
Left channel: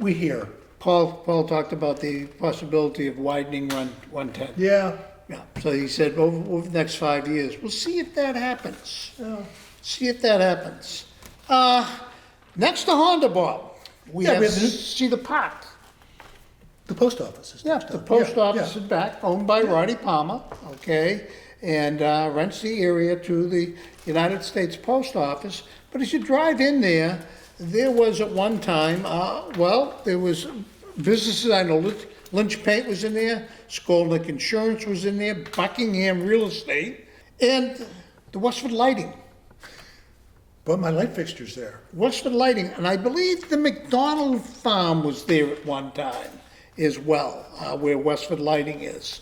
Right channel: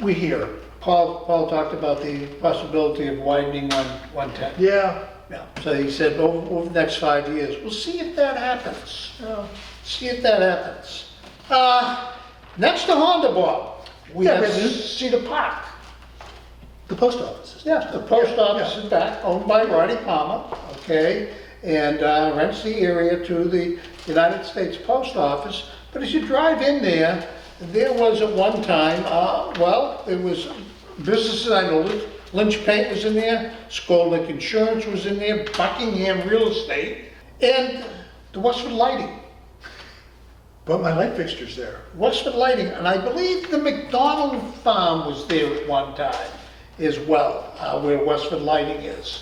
We hear. Paul talked about the possibility of widening 110. Yeah. Yeah, so he said over the next 5 years, we'll see if that happens. See if that happens. Next to Honda, Bob, we Yeah, have but- Cedar Park. The post office is. Yeah, the post Yeah, office yeah. is back, owned by Ronnie Palmer, okay, and rents the area to the United States Post Office. But as you drive in there, there was at one time, there was businesses, I know Lynch Paint was in there, Skolnick Insurance was in there, Buckingham Real Estate, and the Westford Lighting. Bought my light fixtures there. Westford Lighting, and I believe the McDonald Farm was there at one time as well, where Westford Lighting is.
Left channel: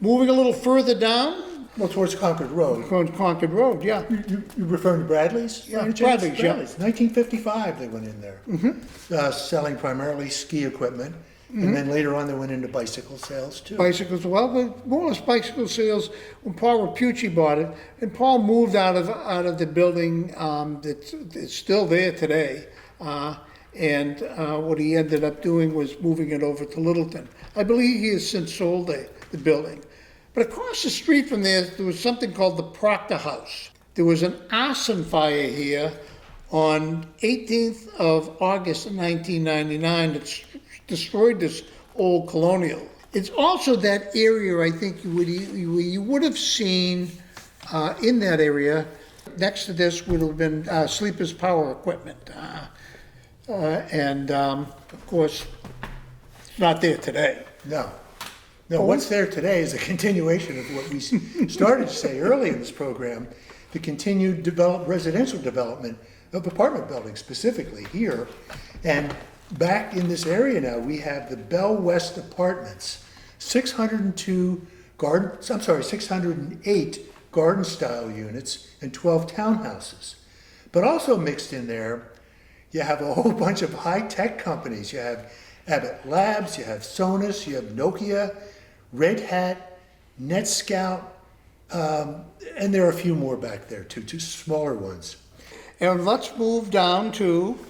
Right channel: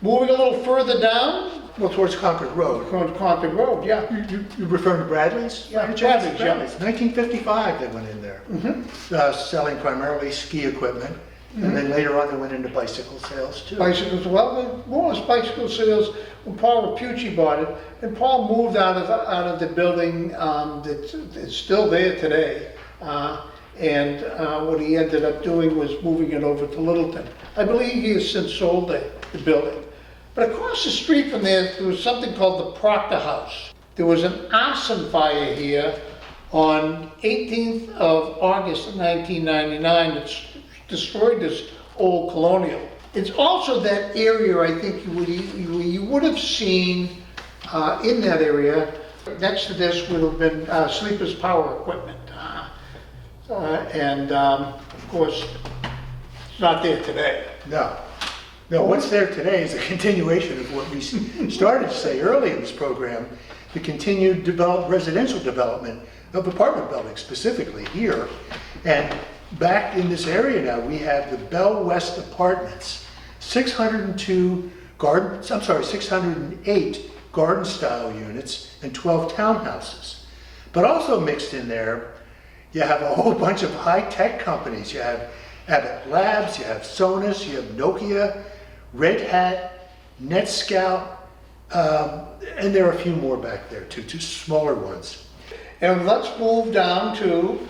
Moving a little further down, Well, towards Concord Road. Concord Road, yeah. You referring to Bradley's? Yeah, Bradley's, yeah. 1955 they went in there. Selling primarily ski equipment. And then later on they went into bicycle sales too. Bicycles, well, but more or less bicycle sales when Paul Rapucci bought it, and Paul moved out of the building that's still there today. And what he ended up doing was moving it over to Littleton. I believe he has since sold the building. But across the street from there was something called the Proctor House. There was an arson fire here on 18th of August of 1999 that destroyed this old colonial. It's also that area, I think, you would have seen in that area, next to this would have been Sleeper's Power Equipment. Of course, it's not there today. No. No, what's there today is a continuation of what we started to say early in this program, the continued residential development of apartment buildings, specifically here. And back in this area now, we have the Bell West Apartments, 608 garden-style units and 12 townhouses. But also mixed in there, you have a whole bunch of high-tech companies. You have Abbott Labs, you have Sonos, you have Nokia, Red Hat, NetScout, and there are a few more back there too, two smaller ones. And let's move down to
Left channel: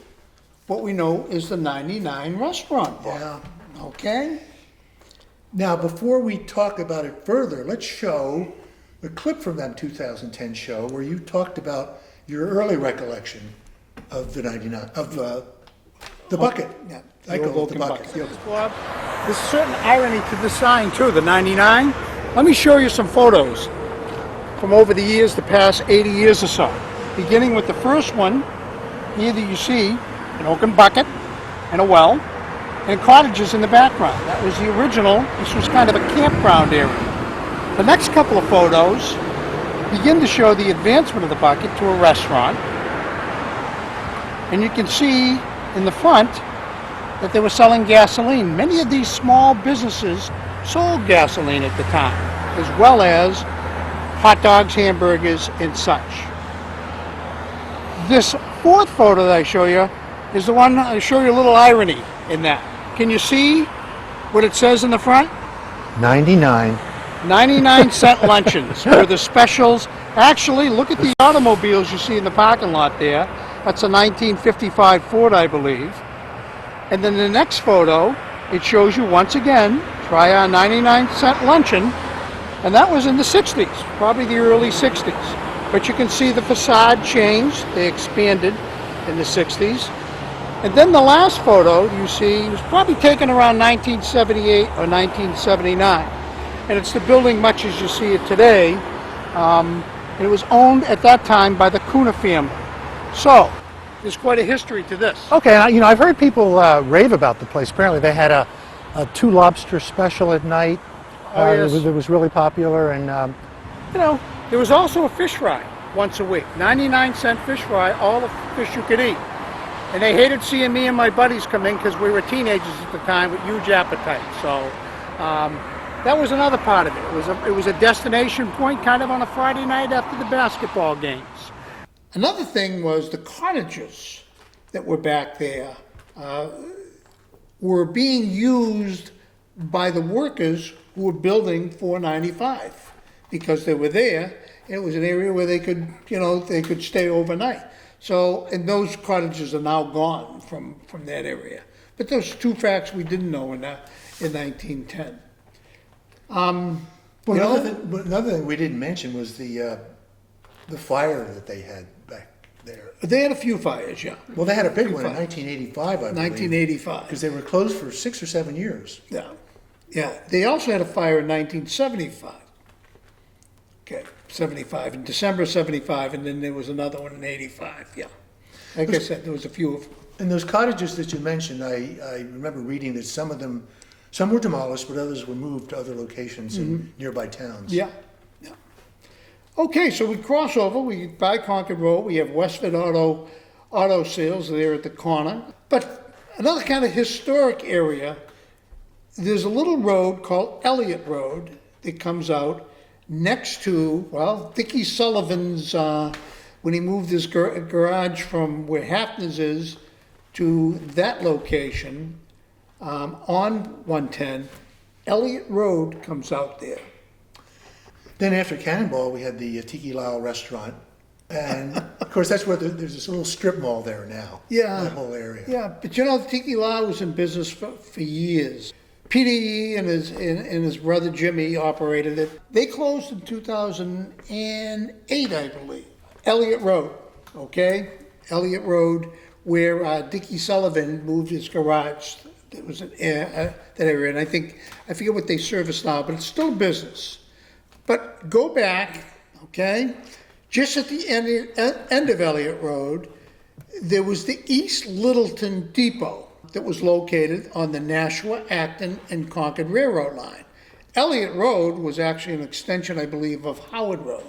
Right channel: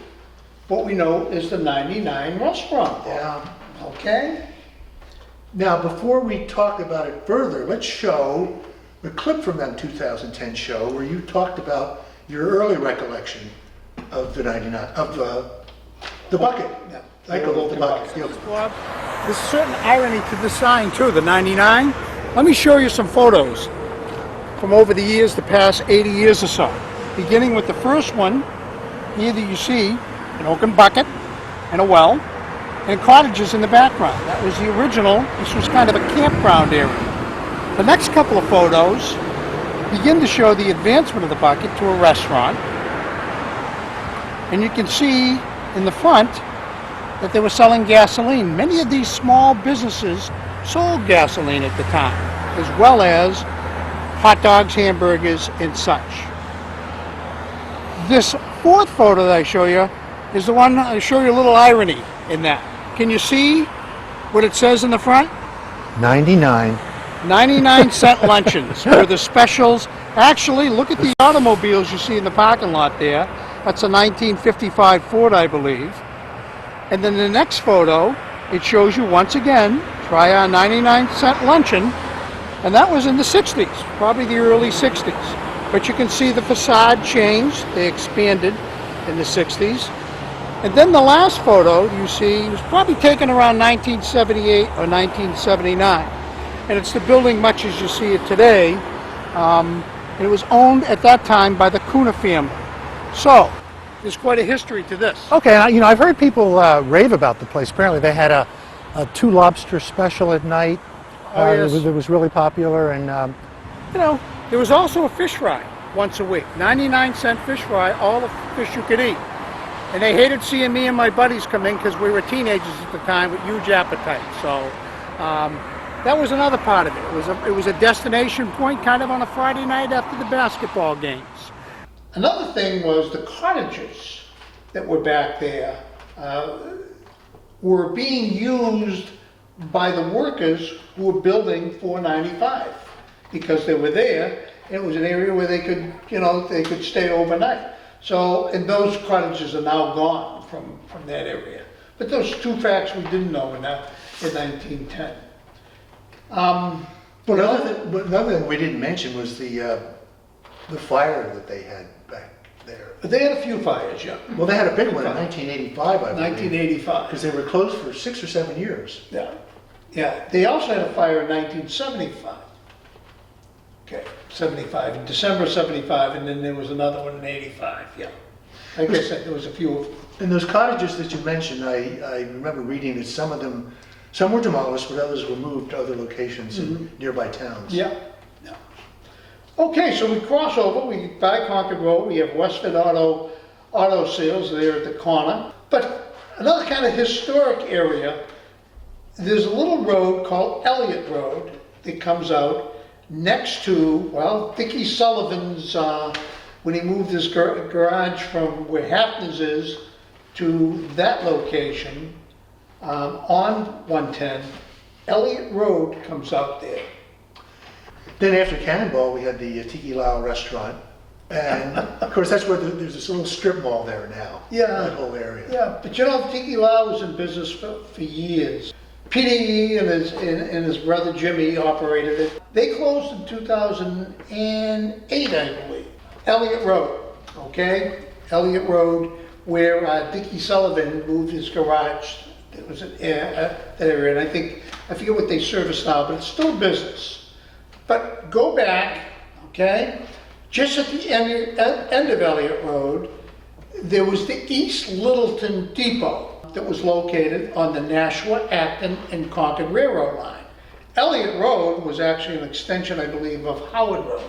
what we know is the 99 restaurant. Yeah. Okay? Now, before we talk about it further, let's show a clip from that 2010 show where you talked about your early recollection of the 99, of the bucket. Yeah. I call it the bucket. Yeah. Bob, there's a certain irony to the sign too, the 99. Let me show you some photos from over the years, the past 80 years or so. Beginning with the first one, here that you see an oaken bucket and a well, and cottages in the background. That was the original. This was kind of a campground area. The next couple of photos begin to show the advancement of the bucket to a restaurant. And you can see in the front that they were selling gasoline. Many of these small businesses sold gasoline at the time, as well as hot dogs, hamburgers, and such. This fourth photo that I show you is the one I show you a little irony in that. Can you see what it says in the front? 99. 99-cent luncheons were the specials. Actually, look at the automobiles you see in the parking lot there. That's a 1955 Ford, I believe. And then the next photo, it shows you once again, try our 99-cent luncheon, and that was in the 60s, probably the early 60s. But you can see the facade changed, they expanded in the 60s. And then the last photo you see was probably taken around 1978 or 1979. And it's the building much as you see it today. And it was owned at that time by the Kuna family. So, there's quite a history to this. Okay, I've heard people rave about the place. Apparently they had a two lobster special at night. Oh, yes. It was really popular, and There was also a fish fry once a week. 99-cent fish fry, all the fish you could eat. And they hated seeing me and my buddies come in because we were teenagers at the time with huge appetites. So that was another part of it. It was a destination point kind of on a Friday night after the basketball games. Another thing was the cottages that were back there were being used by the workers who were building 495 because they were there. And it was an area where they could, they could stay overnight. So, and those cottages are now gone from that area. But those two facts we didn't know in 1910. Another thing we didn't mention was the fire that they had back there. They had a few fires, yeah. Well, they had a big one in 1985, I believe. 1985. Because they were closed for 6 or 7 years. Yeah, yeah. They also had a fire in 1975. Okay, 75, in December 75, and then there was another one in 85, yeah. Like I said, there was a few of them. And those cottages that you mentioned, I remember reading that some were demolished, but others were moved to other locations in nearby towns. Yeah, yeah. Okay, so we cross over, we by Concord Road, we have Westford Auto Sales there at the corner. But another kind of historic area, there's a little road called Elliott Road that comes out next to, well, Dickie Sullivan's, when he moved his garage from where Hafner's is to that location on 110, Elliott Road comes out there. Then after Cannonball, we had the Tiki Lao restaurant. And of course, that's where there's this little strip mall there now. Yeah. That whole area. Yeah, but Tiki Lao was in business for years. Peter Yee and his brother Jimmy operated it. They closed in 2008, I believe. Elliott Road, okay? Elliott Road, where Dickie Sullivan moved his garage. It was that area, and I forget what they service now, but it's still business. But go back, okay? Just at the end of Elliott Road, there was the East Littleton Depot that was located on the Nashua, Acton, and Concord Railroad line. Elliott Road was actually an extension, I believe, of Howard Road.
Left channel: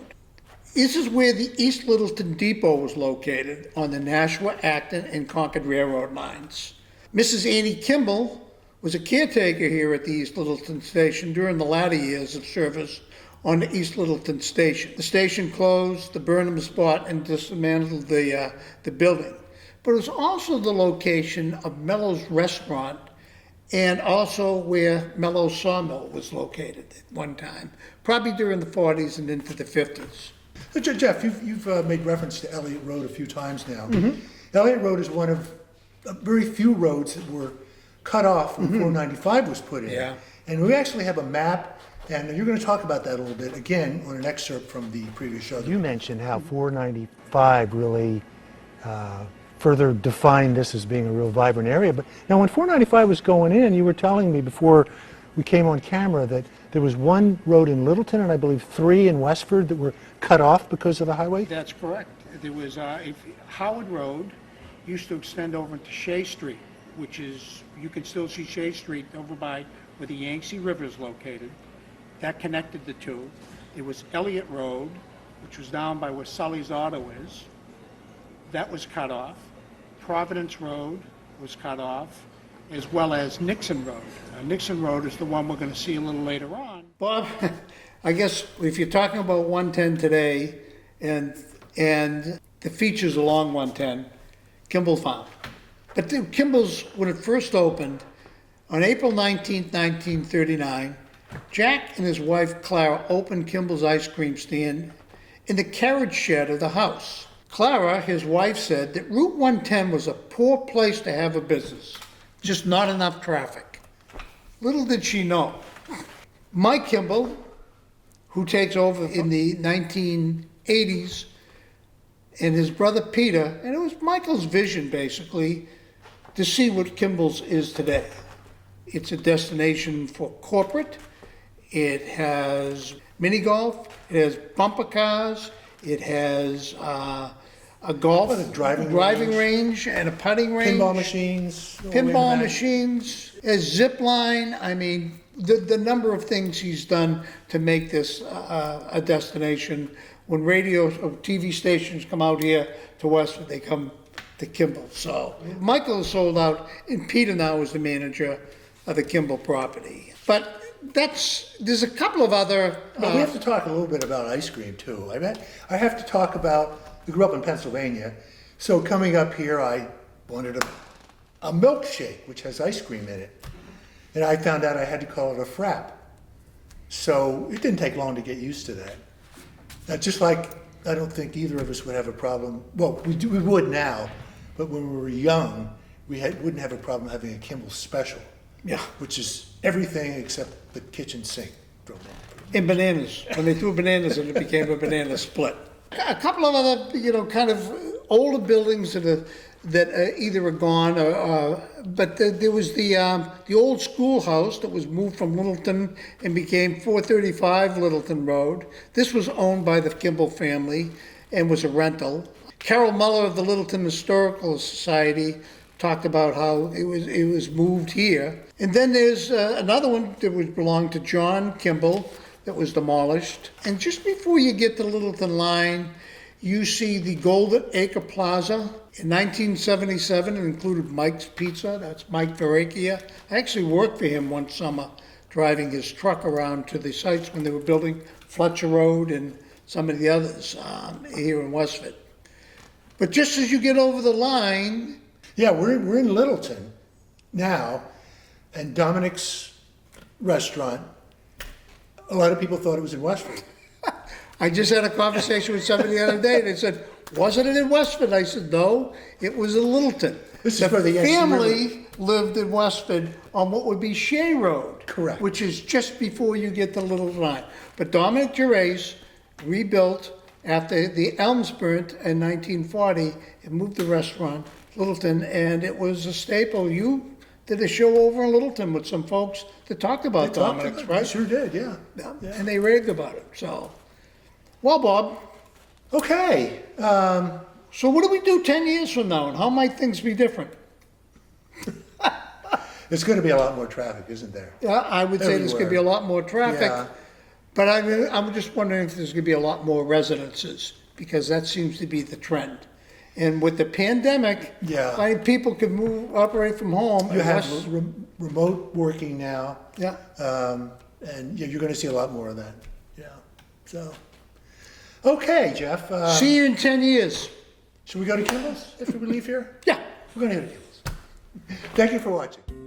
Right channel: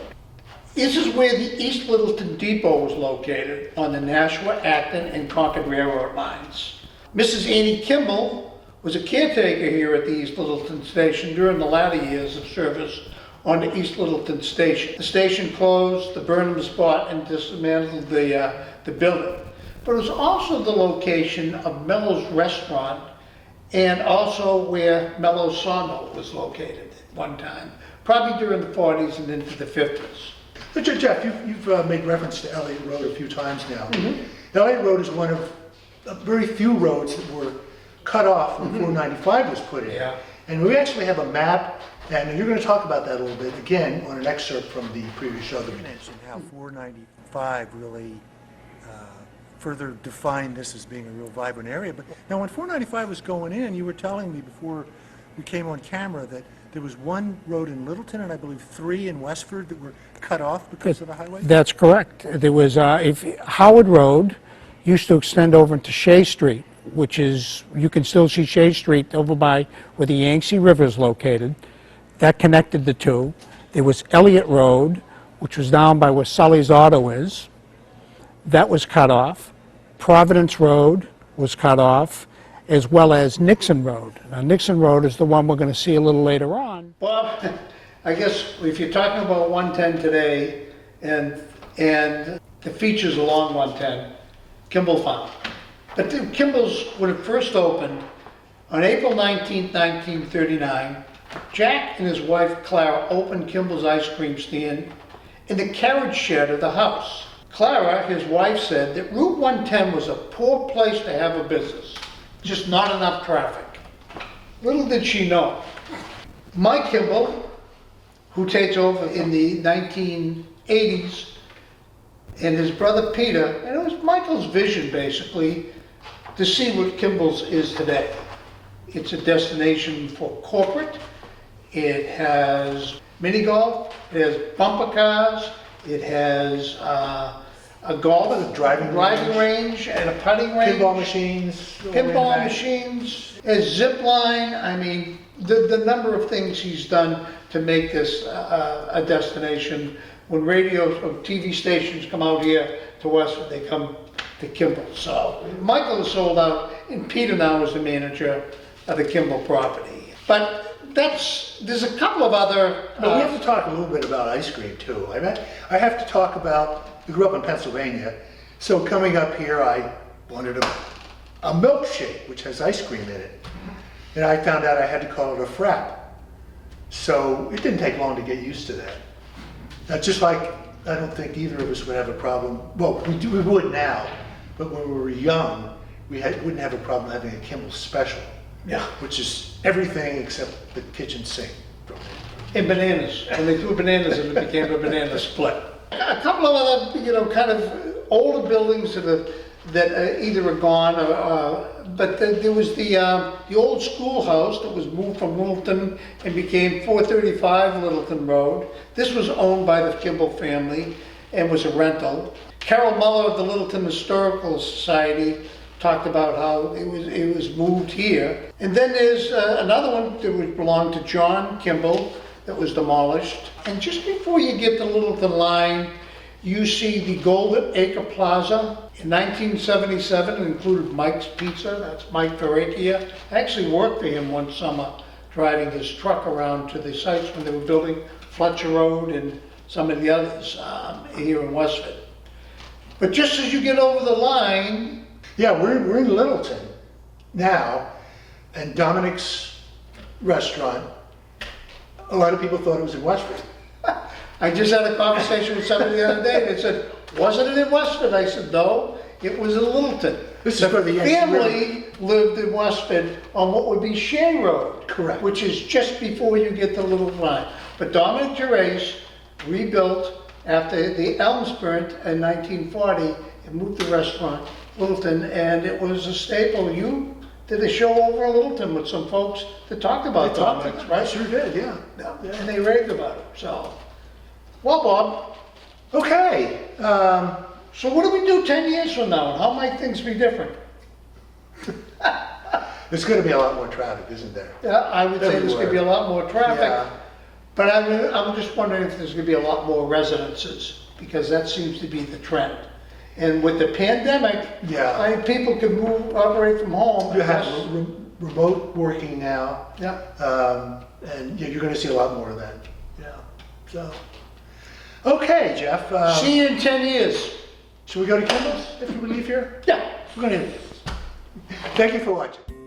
This is where the East Littleton Depot was located on the Nashua, Acton, and Concord Railroad lines. Mrs. Annie Kimball was a caretaker here at the East Littleton Station during the latter years of service on the East Littleton Station. The station closed, the Burnhams bought and dismantled the building. But it was also the location of Mello's Restaurant and also where Mello's Sawmill was located at one time, probably during the 40s and into the 50s. So Jeff, you've made reference to Elliott Road a few times now. Elliott Road is one of very few roads that were cut off when 495 was put in. Yeah. And we actually have a map, and you're going to talk about that a little bit again on an excerpt from the previous show. You mentioned how 495 really further defined this as being a real vibrant area. But now when 495 was going in, you were telling me before we came on camera that there was one road in Littleton and I believe 3 in Westford that were cut off because of the highway? That's correct. There was, Howard Road used to extend over into Shea Street, which is, you can still see Shea Street over by where the Yangtze River is located. That connected the two. There was Elliott Road, which was down by where Sully's Auto is. That was cut off. Providence Road was cut off, as well as Nixon Road. Now, Nixon Road is the one we're going to see a little later on. Bob, I guess if you're talking about 110 today and the features along 110, Kimball Farm. But the Kimball's, when it first opened, on April 19, 1939, Jack and his wife Clara opened Kimball's ice cream stand in the carriage shed of the house. Clara, his wife, said that Route 110 was a poor place to have a business, just not enough traffic. Little did she know. Mike Kimball, who takes over in the 1980s, and his brother Peter, and it was Michael's vision basically to see what Kimball's is today. It's a destination for corporate. It has mini golf, it has bumper cars, it has a golf, A driving range and a putting range. Pinball machines. Pinball machines, a zip line. I mean, the number of things he's done to make this a destination. When radio or TV stations come out here to Westford, they come to Kimball. So Michael is sold out, and Peter now is the manager of the Kimball property. But there's a couple of other. But we have to talk a little bit about ice cream too. I have to talk about, we grew up in Pennsylvania, so coming up here I wanted a milkshake which has ice cream in it. And I found out I had to call it a frap. So it didn't take long to get used to that. Just like I don't think either of us would have a problem, well we would now, but when we were young we wouldn't have a problem having a Kimball special. Yeah. Which is everything except the kitchen sink. And bananas. When they threw bananas in, it became a banana split. A couple of other, kind of older buildings that either are gone or, but there was the old schoolhouse that was moved from Littleton and became 435 Littleton Road. This was owned by the Kimball family and was a rental. Carol Muller of the Littleton Historical Society talked about how it was moved here. And then there's another one that would belong to John Kimball that was demolished. And just before you get to Littleton Line, you see the Golden Acre Plaza. In 1977, it included Mike's Pizza. That's Mike Verrecchia. I actually worked for him one summer, driving his truck around to the sites when they were building Fletcher Road and some of the others here in Westford. But just as you get over the line, yeah, we're in Littleton now, and Dominic's restaurant, a lot of people thought it was in Westford. I just had a conversation with somebody the other day. They said, wasn't it in Westford? I said, no, it was in Littleton. This is the for the family lived in Westford on what would be Shea Road. Correct. Which is just before you get to Littleton Line. But Dominic Gervais rebuilt after the Elms burnt in 1940 and moved the restaurant to Littleton, and it was a staple. You did a show over in Littleton with some folks that talked about Dominic's, right? Sure did, yeah. And they raved about it, so. Well, Bob, Okay, so what do we do 10 years from now, and how might things be different? there's gonna be a lot more traffic, isn't there? Yeah, I would say there's gonna be a lot more traffic, Yeah. but I'm just wondering if there's gonna be a lot more residences, because that seems to be the trend. And with the pandemic, Yeah. I think people could operate from home. You have remote working now. Yeah. And yeah, you're gonna see a lot more of that. Yeah, so. Okay, Jeff, See you in 10 years. should we go to Kimball's after we leave here? Yeah. We're gonna. Thank you for watching.